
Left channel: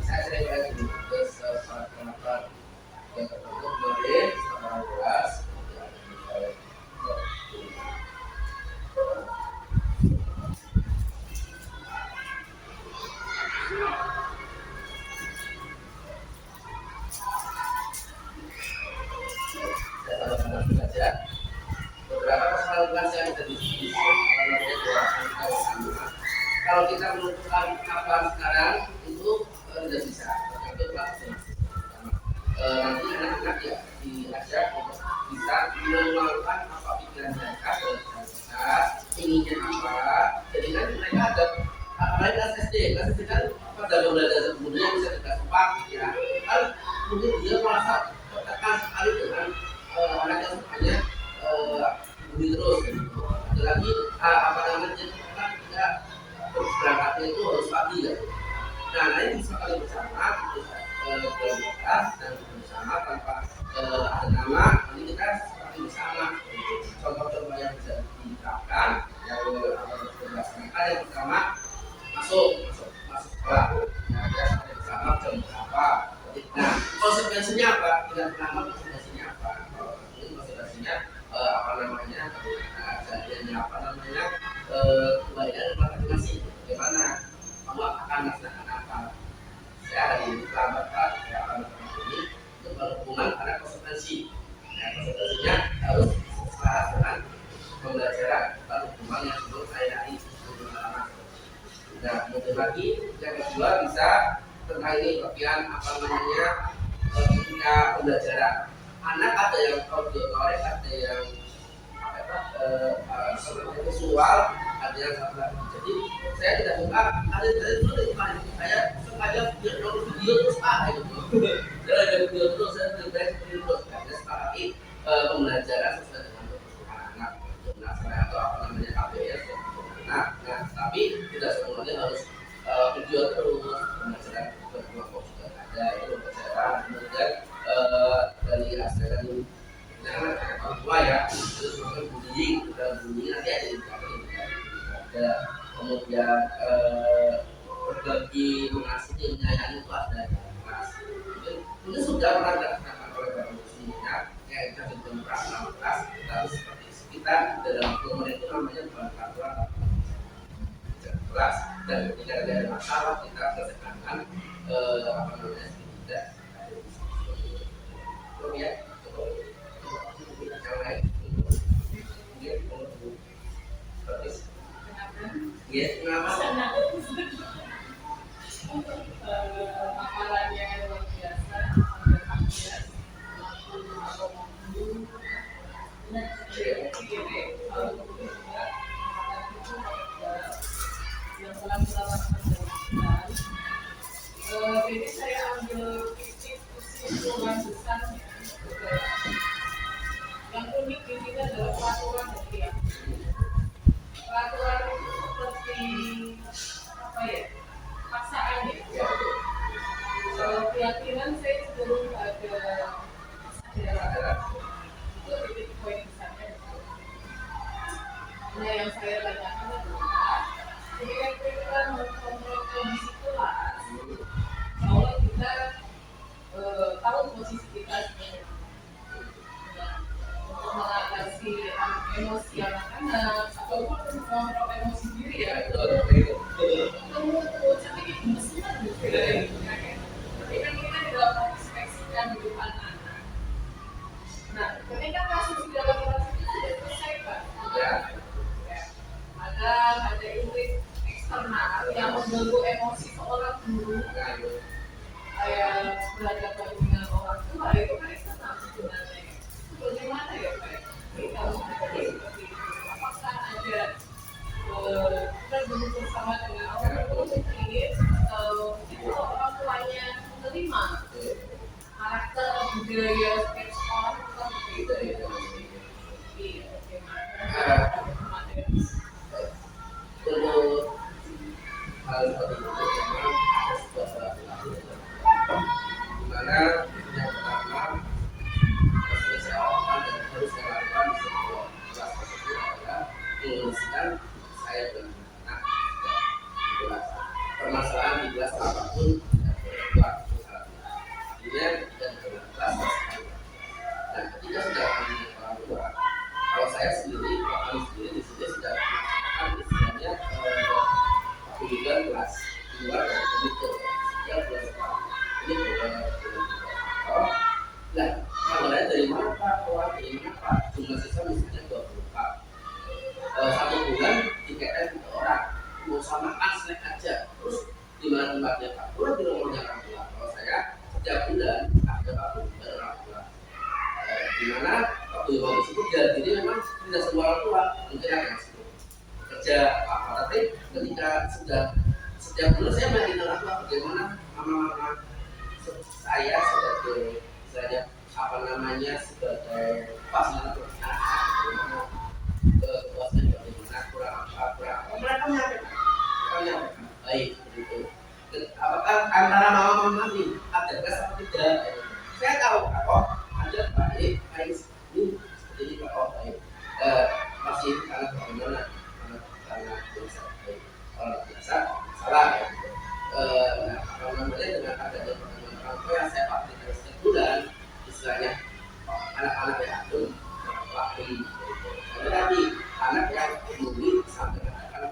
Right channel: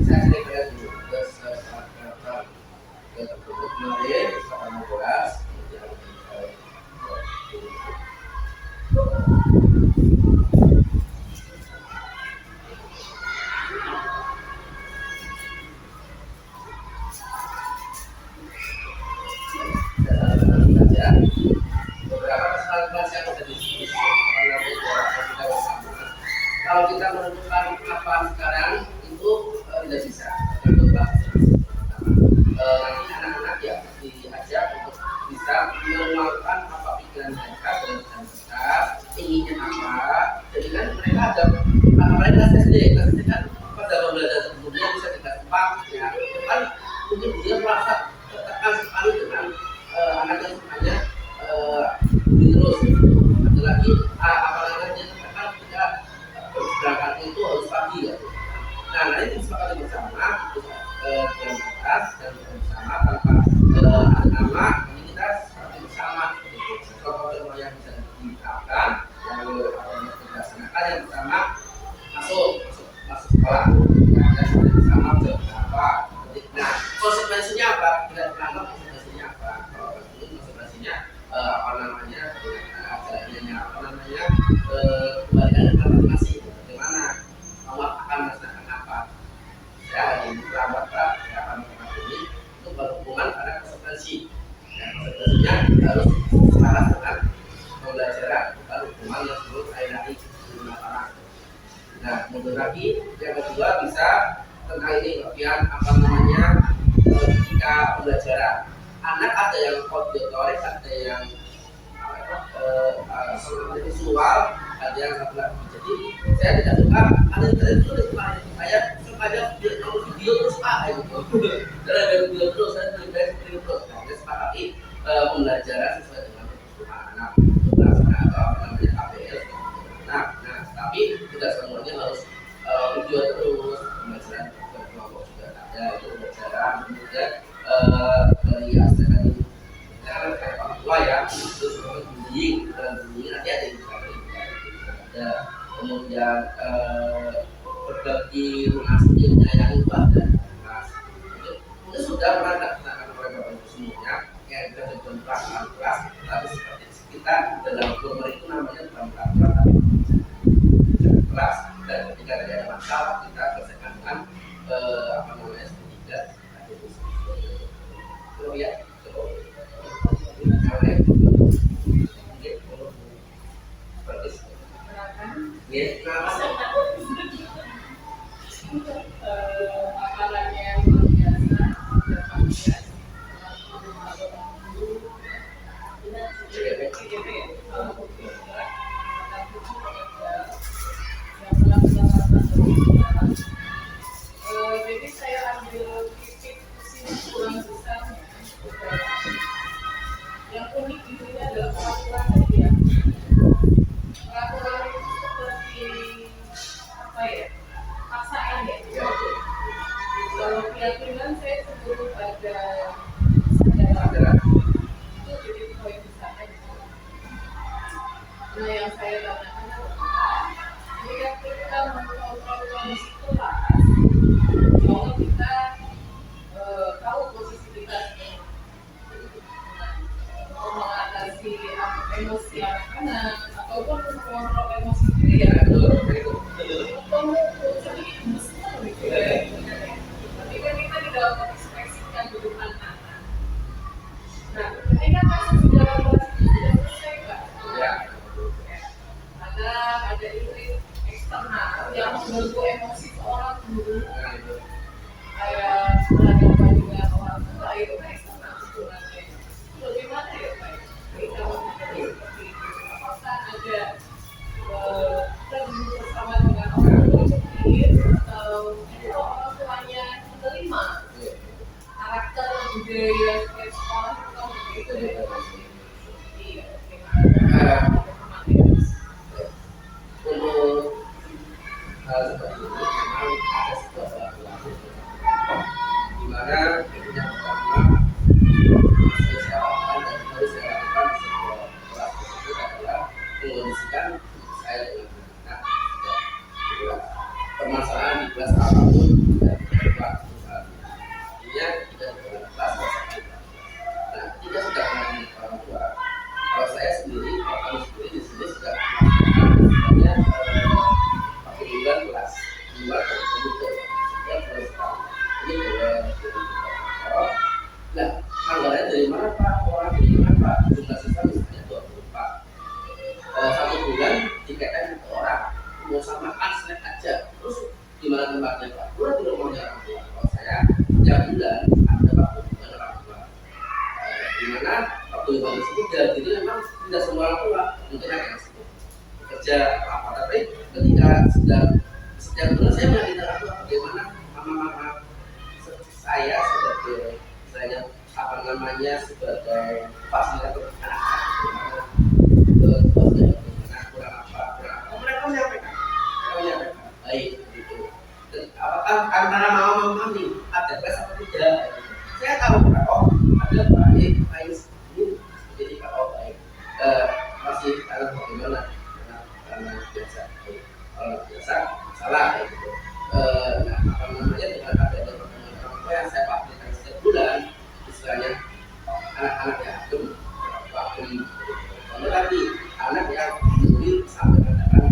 saya cerita dulu ke seorang tertutup kemarin seorang kelas beberapa kesalahan kelas yang bisa diskusi kalau kita menentukan apa sekarang itu tidak bisa tergantung kelas. Nanti anak-anak ya diajak untuk bisa menuangkan apa pikiran mereka dan mereka inginnya apa. Jadi kan mereka ada kelas SD kan pada pembelajaran sebelumnya bisa kita sepak ya kan mungkin dia merasa tertekan sekali dengan anak yang sukanya terus ada lagi apa namanya tertekan ketika berangkatnya itu harus pagi ya. Nah ini disepakati bersama dan bersama tanpa ada nama, jadi kita sepakati bersama contoh-contoh yang bisa diterapkan yang dilaksanakan yang pertama masuk sekolah ya, bersama jam berapa. Nah konsekuensinya apa? Tidak terangkan konsekuensinya apa. Konsekuensinya kembalikan dengan masing-masing bagaimana Allah akan melaksanakan apa. Saya hari ini terlambat Pak, saya akan melakukan ini untuk berhubungan pada konsekuensi. Konsekuensinya harus selaras dengan pembelajaran, bukan hukuman yang disebut lain-lain. Nah, kemudian lagi yang kedua bisa tentang ini bagian apa namanya ketika pembelajaran anak ada yang auditorik, ada yang visual, ada yang satu lagi. Jadi saya tidak suka ada itu saya suka aja video terus gitu. Dan ada video terus saya screen terus. Nah, saya sepakati pembelajaran sesuai dengan kebutuhan anak, berdasarkan atau apa namanya KPS. Nah, tapi tidak semuanya harus video terus. Pembelajaran kelompok juga ada itu pembelajaran. Kemudian dari aspek tadi jangan kayak orang tua ya, terus bullying nanti ada yang ada. Kemudian berbagi donasi menyayangi itu ada. Itu sudah pernah dilaksanakan oleh Bapak Ibu semuanya yang kita sudah melakukan kelas, tapi seperti kita dalam kurma itu namanya bukan kelas tapi kelas, dan ketika ada masalah kita selesaikan dengan apa namanya tidak cukup ya cukup ya kenapa Untuk paparannya luar biasa, bermanfaat, jadi saya ambil titik kesimpulan besarnya. Yang unik di sini adalah peraturan tadi ya. Peraturan itu seperti apa ya? Paksaan ya. Kalau keyakinan saya cenderung pada kesadaran. Itu titik poin besarnya. Nah, yang saya katakan adalah ketika kita mengkontrol kondisi kelas, bahwa kita tahu posisi kita untuk mengatasi emosi anak-anak ataupun mengontrol emosi diri ya, untuk sedikit senang gitu ya. Tapi kan kita tidak mengekspresikan di depan anak. Nah, ketika kasus di dalam kelas itu sudah selesai Pak. Ada intrik eksternal yang mengganggu emosi seorang guru. Kayak berhadapan dengan orang tua itu kan eksternal sebenarnya. Bagaimana ya Pak? Kita menghadapi seperti itu. Apakah ada kita duduk bersama dengan orang tua mungkin atau itu orang tuanya menerima karakter budaya setiap sekolah itu kan begitu ya. Iya, bagaimana? Untuk hal seperti itu memang ada sebuah salah di mana yang pertama harus saya lakukan dan harus saya lakukan di sebuah kelas tersebut adalah mengondisikan saya dengan anak di kelas. Permasalahan di kelas apapun tidak berubah. Artinya tidak dalam kelas. Nah, kita sudah mengenai orang tua. Kalau saya sendiri, kalau kami sendiri di sini sudah melakukan istilahnya kunjungan kelas luar dari komite setiap bulan sekali. Ini bulan nah, anggarannya dari mana Pak? Orang dari mana Pak? Jumlah siswa misalnya 24. Satu bulan tiketnya ke orang, mau sama makan snack aja. Terus di mana tempatnya Pak? Kurang di rumahnya orang tua. Kalau saya setiap bulan ada waktu dengan orang tua. Di mana waktu itu tersebut jadi memang tidak semua orang tua mungkin ada yang sibuk bekerja apa, tapi ketika sudah setiap bulan saya melihat orang tua bagaimana mama-mama saya sebagai misalnya apa namanya sebagai fasilitator anak-anak bagaimana kurang apa mereka menyampaikan baik gitu. Dan apakah antara mama-mama ini ada tes atau tidak? Saya tahu oh ada baik ini jadi kalau baik masih kalau bagaimana karena biasa kalau biasa salah gitu. Nah apa namanya dengan adanya pertemuan orang tua yang saya praktekkan setiap bulan istilahnya anak-anak yang adem kalau tadi anak yang peduli sampai mengatakan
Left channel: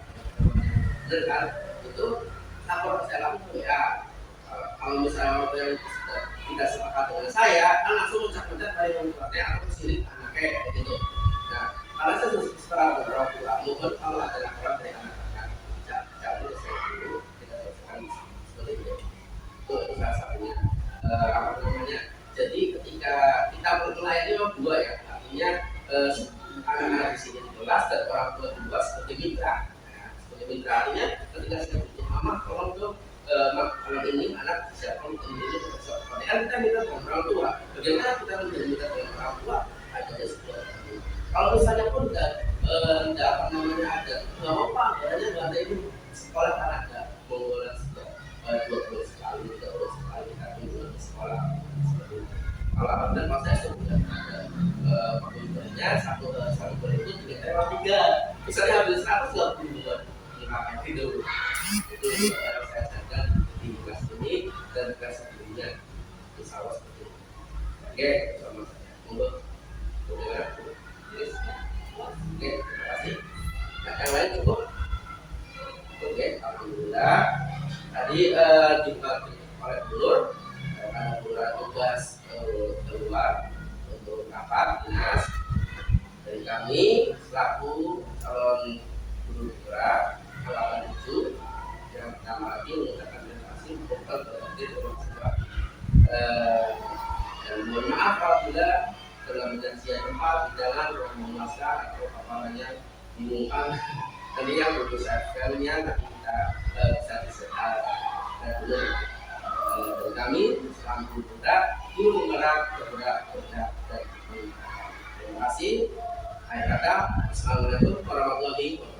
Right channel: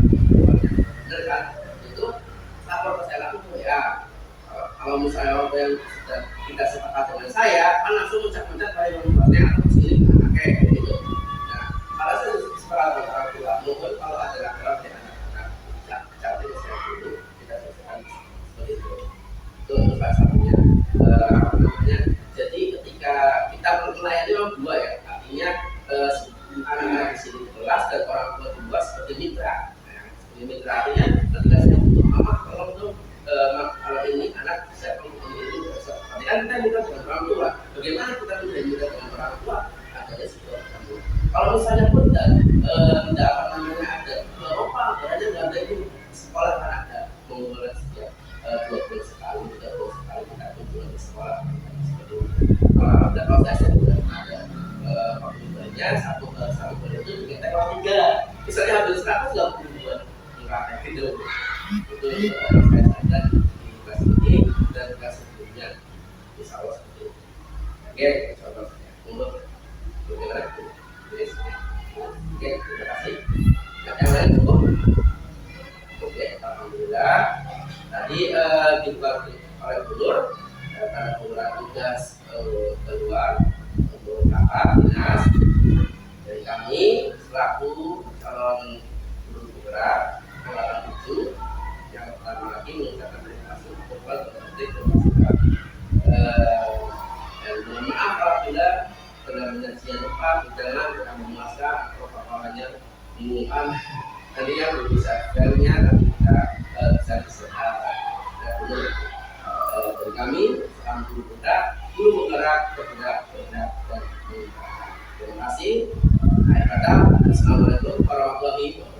benar kan itu lapor ke saya langsung ya. Kalau misalnya orang yang sudah kita sepakat dengan saya kan langsung ucap-ucap pada orang-orangnya atau sini kayak gitu. Nah kalau saya sepakat dengan orang tua mohon kalau ada laporan dari anak-anak cari ke saya dulu kita selesaikan seperti itu. namanya. Jadi ketika kita melayani memang dua ya, artinya anak-anak di sini di kelas dan orang tua di luar seperti mitra. Nah, seperti mitra artinya ketika saya butuh mama tolong dong kalau ini anak siapa ini besok. Kan kita minta dengan orang tua. Bagaimana kita minta dengan orang tua? Adanya sebuah tanggung. Kalau misalnya pun tidak apa namanya ada nggak apa adanya bantai ini sekolah kan ada menggunakan setiap 2 bulan sekali, 3 bulan sekali kita kunjungan di sekolah seperti itu. Kalau dan kalau saya sudah ada pembelinya satu bulan itu kita lewat 3 misalnya hampir 120 bulan mengkapai itu saya sadar di kelas ini dan kelas sebelumnya insya Allah seperti itu. Oke, coba saya untuk bagaimana jenisnya. Oke, terima kasih. Nah, yang lain cukup. Oke, alhamdulillah. Tadi dibantu oleh Gubernur karena Gubernur tugas keluar untuk rapat dinas dari kami selaku calon guru penggerak angkatan 7 yang pertama lagi mengucapkan terima kasih kepada Bapak dan mohon maaf apabila dalam penyajian tempat jangan memuaskan atau paparannya bingungkan tadi yang belum bisa filmnya tapi kita bisa disertai dari kami salam guru penggerak bergerak dan terima kasih. Akhir kata, assalamualaikum warahmatullahi wabarakatuh.